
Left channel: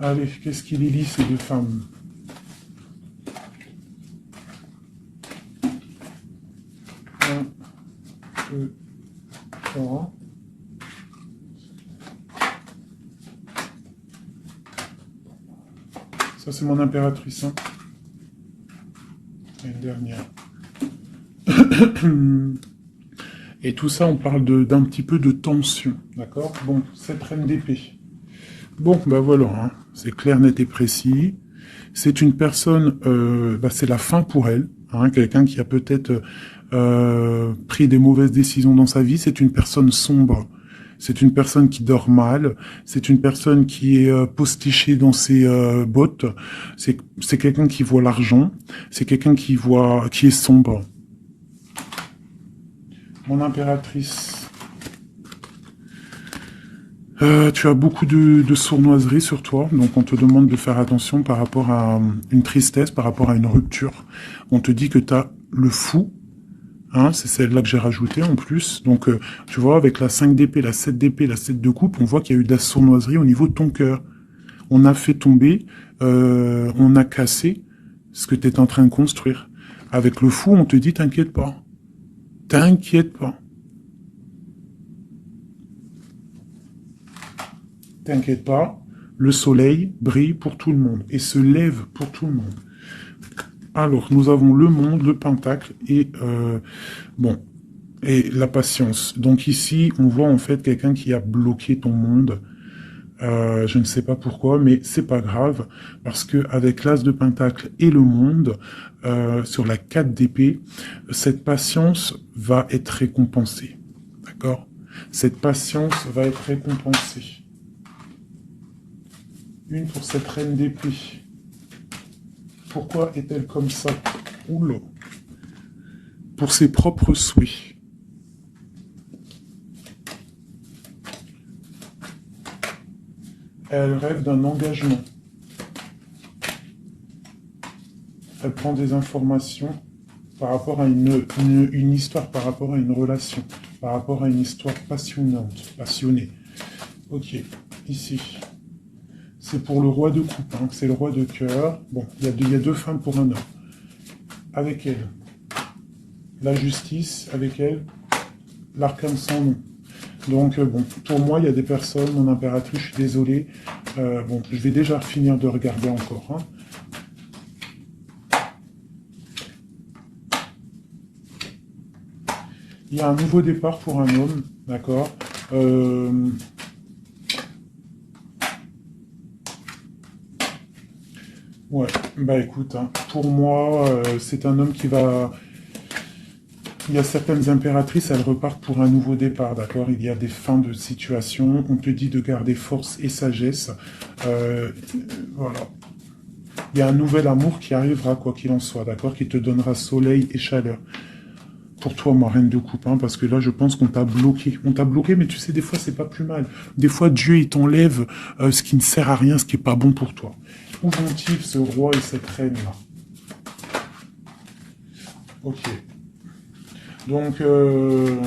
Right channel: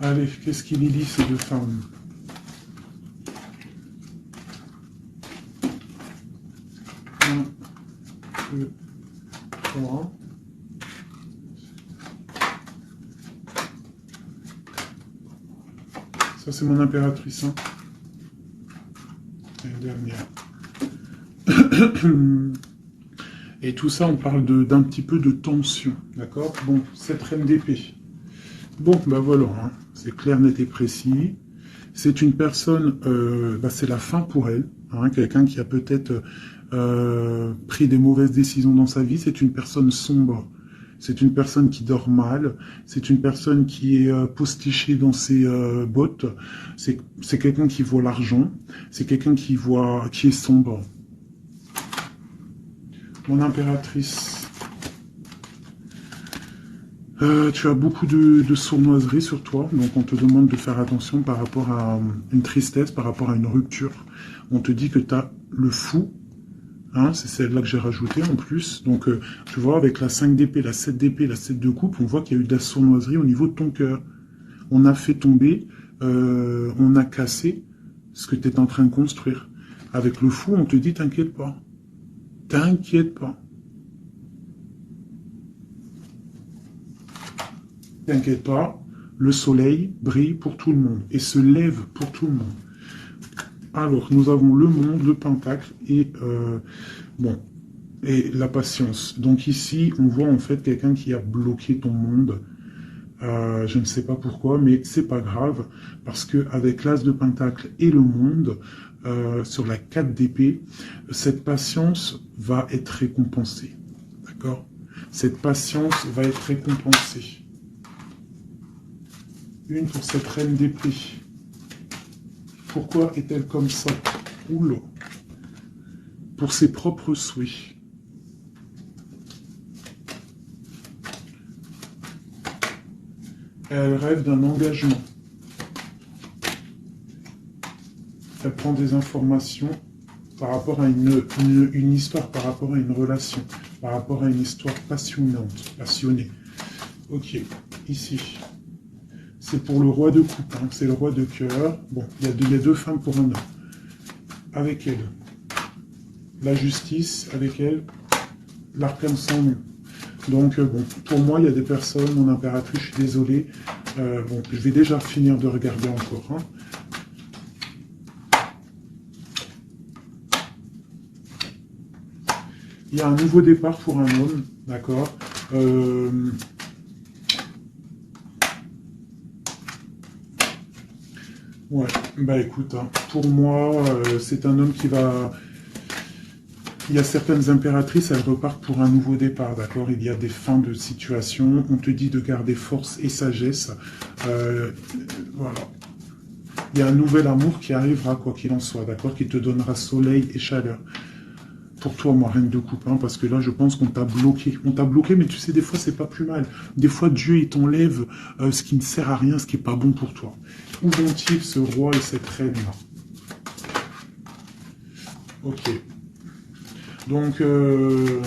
Allez, qu'est-ce qu'il est lisse, ces deux femmes? Un, deux, trois. Ça, c'est mon impératrice. Hein. Et une dernière. Et tout ça, on parle d'un petit peu de tension. D'accord? Bon, cette reine d'épée. Bon, ben voilà, hein. C'est clair, net et précis. C'est une personne, c'est la fin pour elle. Hein, quelqu'un qui a peut-être pris des mauvaises décisions dans sa vie. C'est une personne sombre. C'est une personne qui dort mal. C'est une personne qui est postichée dans ses bottes. C'est quelqu'un qui voit l'argent. C'est quelqu'un qui est sombre. Mon impératrice. Tu as beaucoup de sournoiserie sur toi, donc on te demande de faire attention par rapport à une tristesse, par rapport à une rupture. On te dit que tu as le fou, hein, c'est celle-là que j'ai rajoutée en plus. Donc, tu vois, avec la 5 d'épée, la 7 d'épée, la 7 de coupe, on voit qu'il y a eu de la sournoiserie au niveau de ton cœur. On a fait tomber, on a cassé ce que tu es en train de construire. Avec le fou, on te dit, t'inquiète pas. T'inquiète pas. T'inquiète pas, le soleil brille pour tout le monde et se lève pour tout le monde. Alors, nous avons le monde, le pentacle et et la patience. Donc ici, on voit en fait quelqu'un qui a bloqué ton monde. Je ne sais pas pourquoi, mais c'est pas grave parce que avec l'as de pentacle et le monde sur la 4 d'épée, cette patience va être récompensée. D'accord ? Cette patience va être récompensée. Une pour cette reine d'épée. Pourquoi est-elle comme ça? Oula. Pour ses propres souhaits. Elle rêve d'un engagement. Elle prend des informations par rapport à une histoire, par rapport à une relation, par rapport à une histoire passionnée. Ok, ici. C'est pour le roi de coupe, hein, c'est le roi de cœur. Bon, il y a deux femmes pour un homme. Avec elle, la justice, avec elle, l'arcane sans nom. Donc, bon, pour moi, il y a des personnes, mon impératrice, je suis désolé. Bon, je vais déjà finir de regarder encore. Hein. Il y a un nouveau départ pour un homme, d'accord. Ouais, bah écoute, hein, pour moi, c'est un homme qui va... Il y a certaines impératrices, elles repartent pour un nouveau départ, d'accord? Il y a des fins de situation, on te dit de garder force et sagesse. Voilà. Il y a un nouvel amour qui arrivera, quoi qu'il en soit, d'accord? Qui te donnera soleil et chaleur. Pour toi, ma reine de coupe, hein, parce que là, je pense qu'on t'a bloqué. On t'a bloqué, mais tu sais, des fois, c'est pas plus mal. Des fois, Dieu, il t'enlève ce qui ne sert à rien, ce qui est pas bon pour toi. Où vont-ils, ce roi et cette reine-là? Ok. Donc, je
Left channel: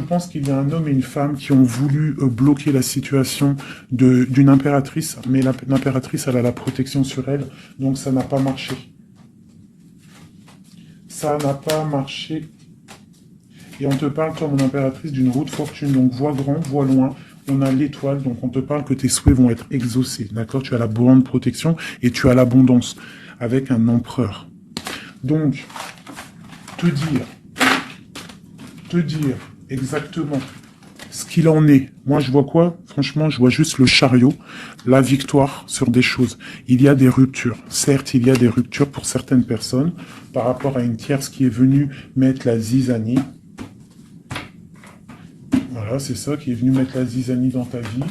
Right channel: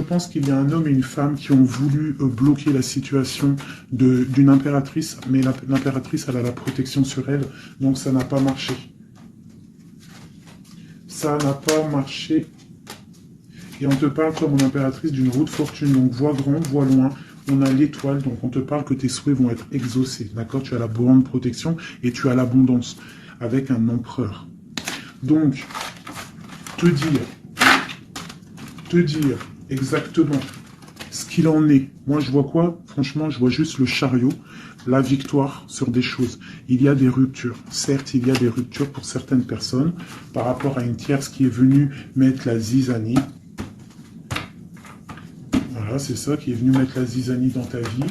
pense qu'il y a un homme et une femme qui ont voulu bloquer la situation d'une impératrice, mais l'impératrice, elle a la protection sur elle, donc ça n'a pas marché. Ça n'a pas marché. Et on te parle comme une impératrice d'une roue de fortune, donc vois grand, vois loin. On a l'étoile, donc on te parle que tes souhaits vont être exaucés, d'accord? Tu as la bonne protection et tu as l'abondance avec un empereur. Donc, te dire exactement ce qu'il en est. Moi, je vois quoi? Franchement, je vois juste le chariot, la victoire sur des choses. Il y a des ruptures. Certes, il y a des ruptures pour certaines personnes par rapport à une tierce qui est venue mettre la zizanie. Voilà, c'est ça, qui est venu mettre la zizanie dans ta vie.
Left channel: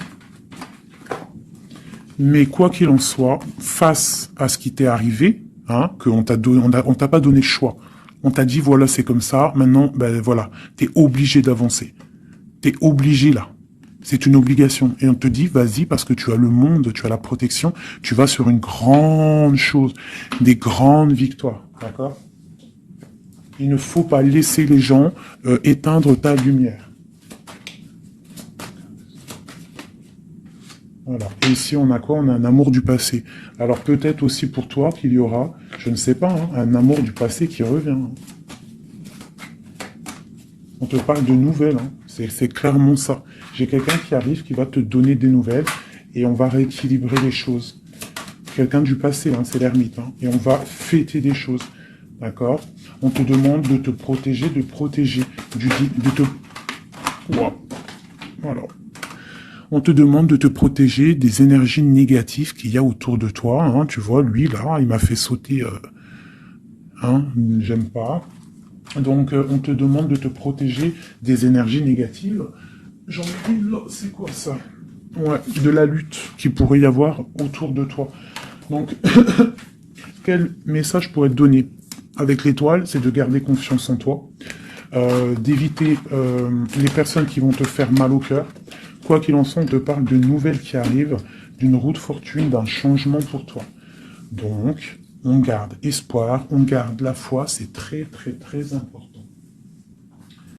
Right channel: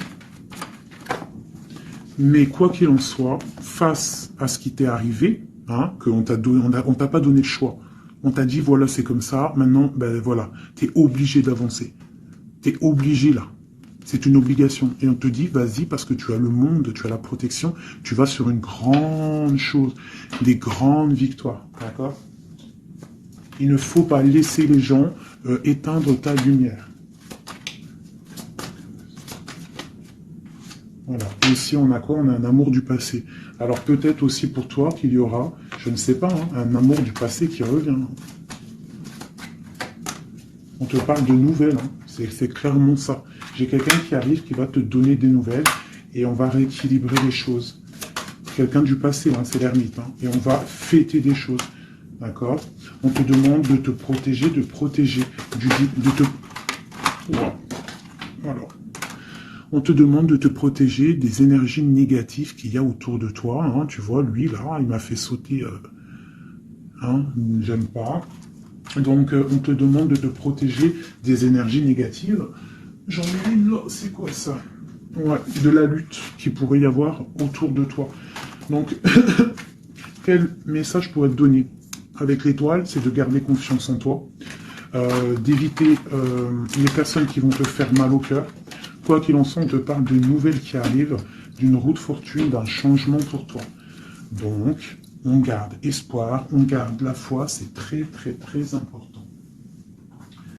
Mais quoi qu'il en soit, face à ce qui t'est arrivé, hein, qu'on t'a pas donné le choix. On t'a dit, voilà, c'est comme ça. Maintenant, ben voilà, t'es obligé d'avancer. T'es obligé là. C'est une obligation. Et on te dit, vas-y, parce que tu as le monde, tu as la protection, tu vas sur une grande chose, des grandes victoires. D'accord? Il ne faut pas laisser les gens éteindre ta lumière. Voilà. Et ici, on a quoi? On a un amour du passé. Alors peut-être aussi pour toi qu'il y aura, je ne sais pas, hein, un amour du passé qui revient. On te parle de nouvelles, hein. C'est clairement ça. J'ai quelqu'un qui arrive, qui va te donner des nouvelles, et on va rééquilibrer les choses. Quelqu'un du passé, hein, c'est l'ermite, hein, et on va fêter des choses. D'accord? On te demande de te protéger, Voilà. On te demande de te protéger des énergies négatives qu'il y a autour de toi. Hein. Tu vois, lui, là, il m'a fait sauter. Hein, j'aime pas. Donc, on te demande de te protéger des énergies négatives. J'en ai une là, c'est quoi ça? Ouais, de la lutte qu'il pourrait y avoir autour de toi. Donc, quel message pourrait te donner avec l'étoile? C'est de garder confiance en toi, d'éviter les personnes qui vont te faire mal au cœur. Quoi qu'il en soit, on te parle de nouvelles qui arrivent, d'une roue de fortune, d'un changement pour toi. Donc, on garde espoir, on garde la foi, c'est très, très, très important.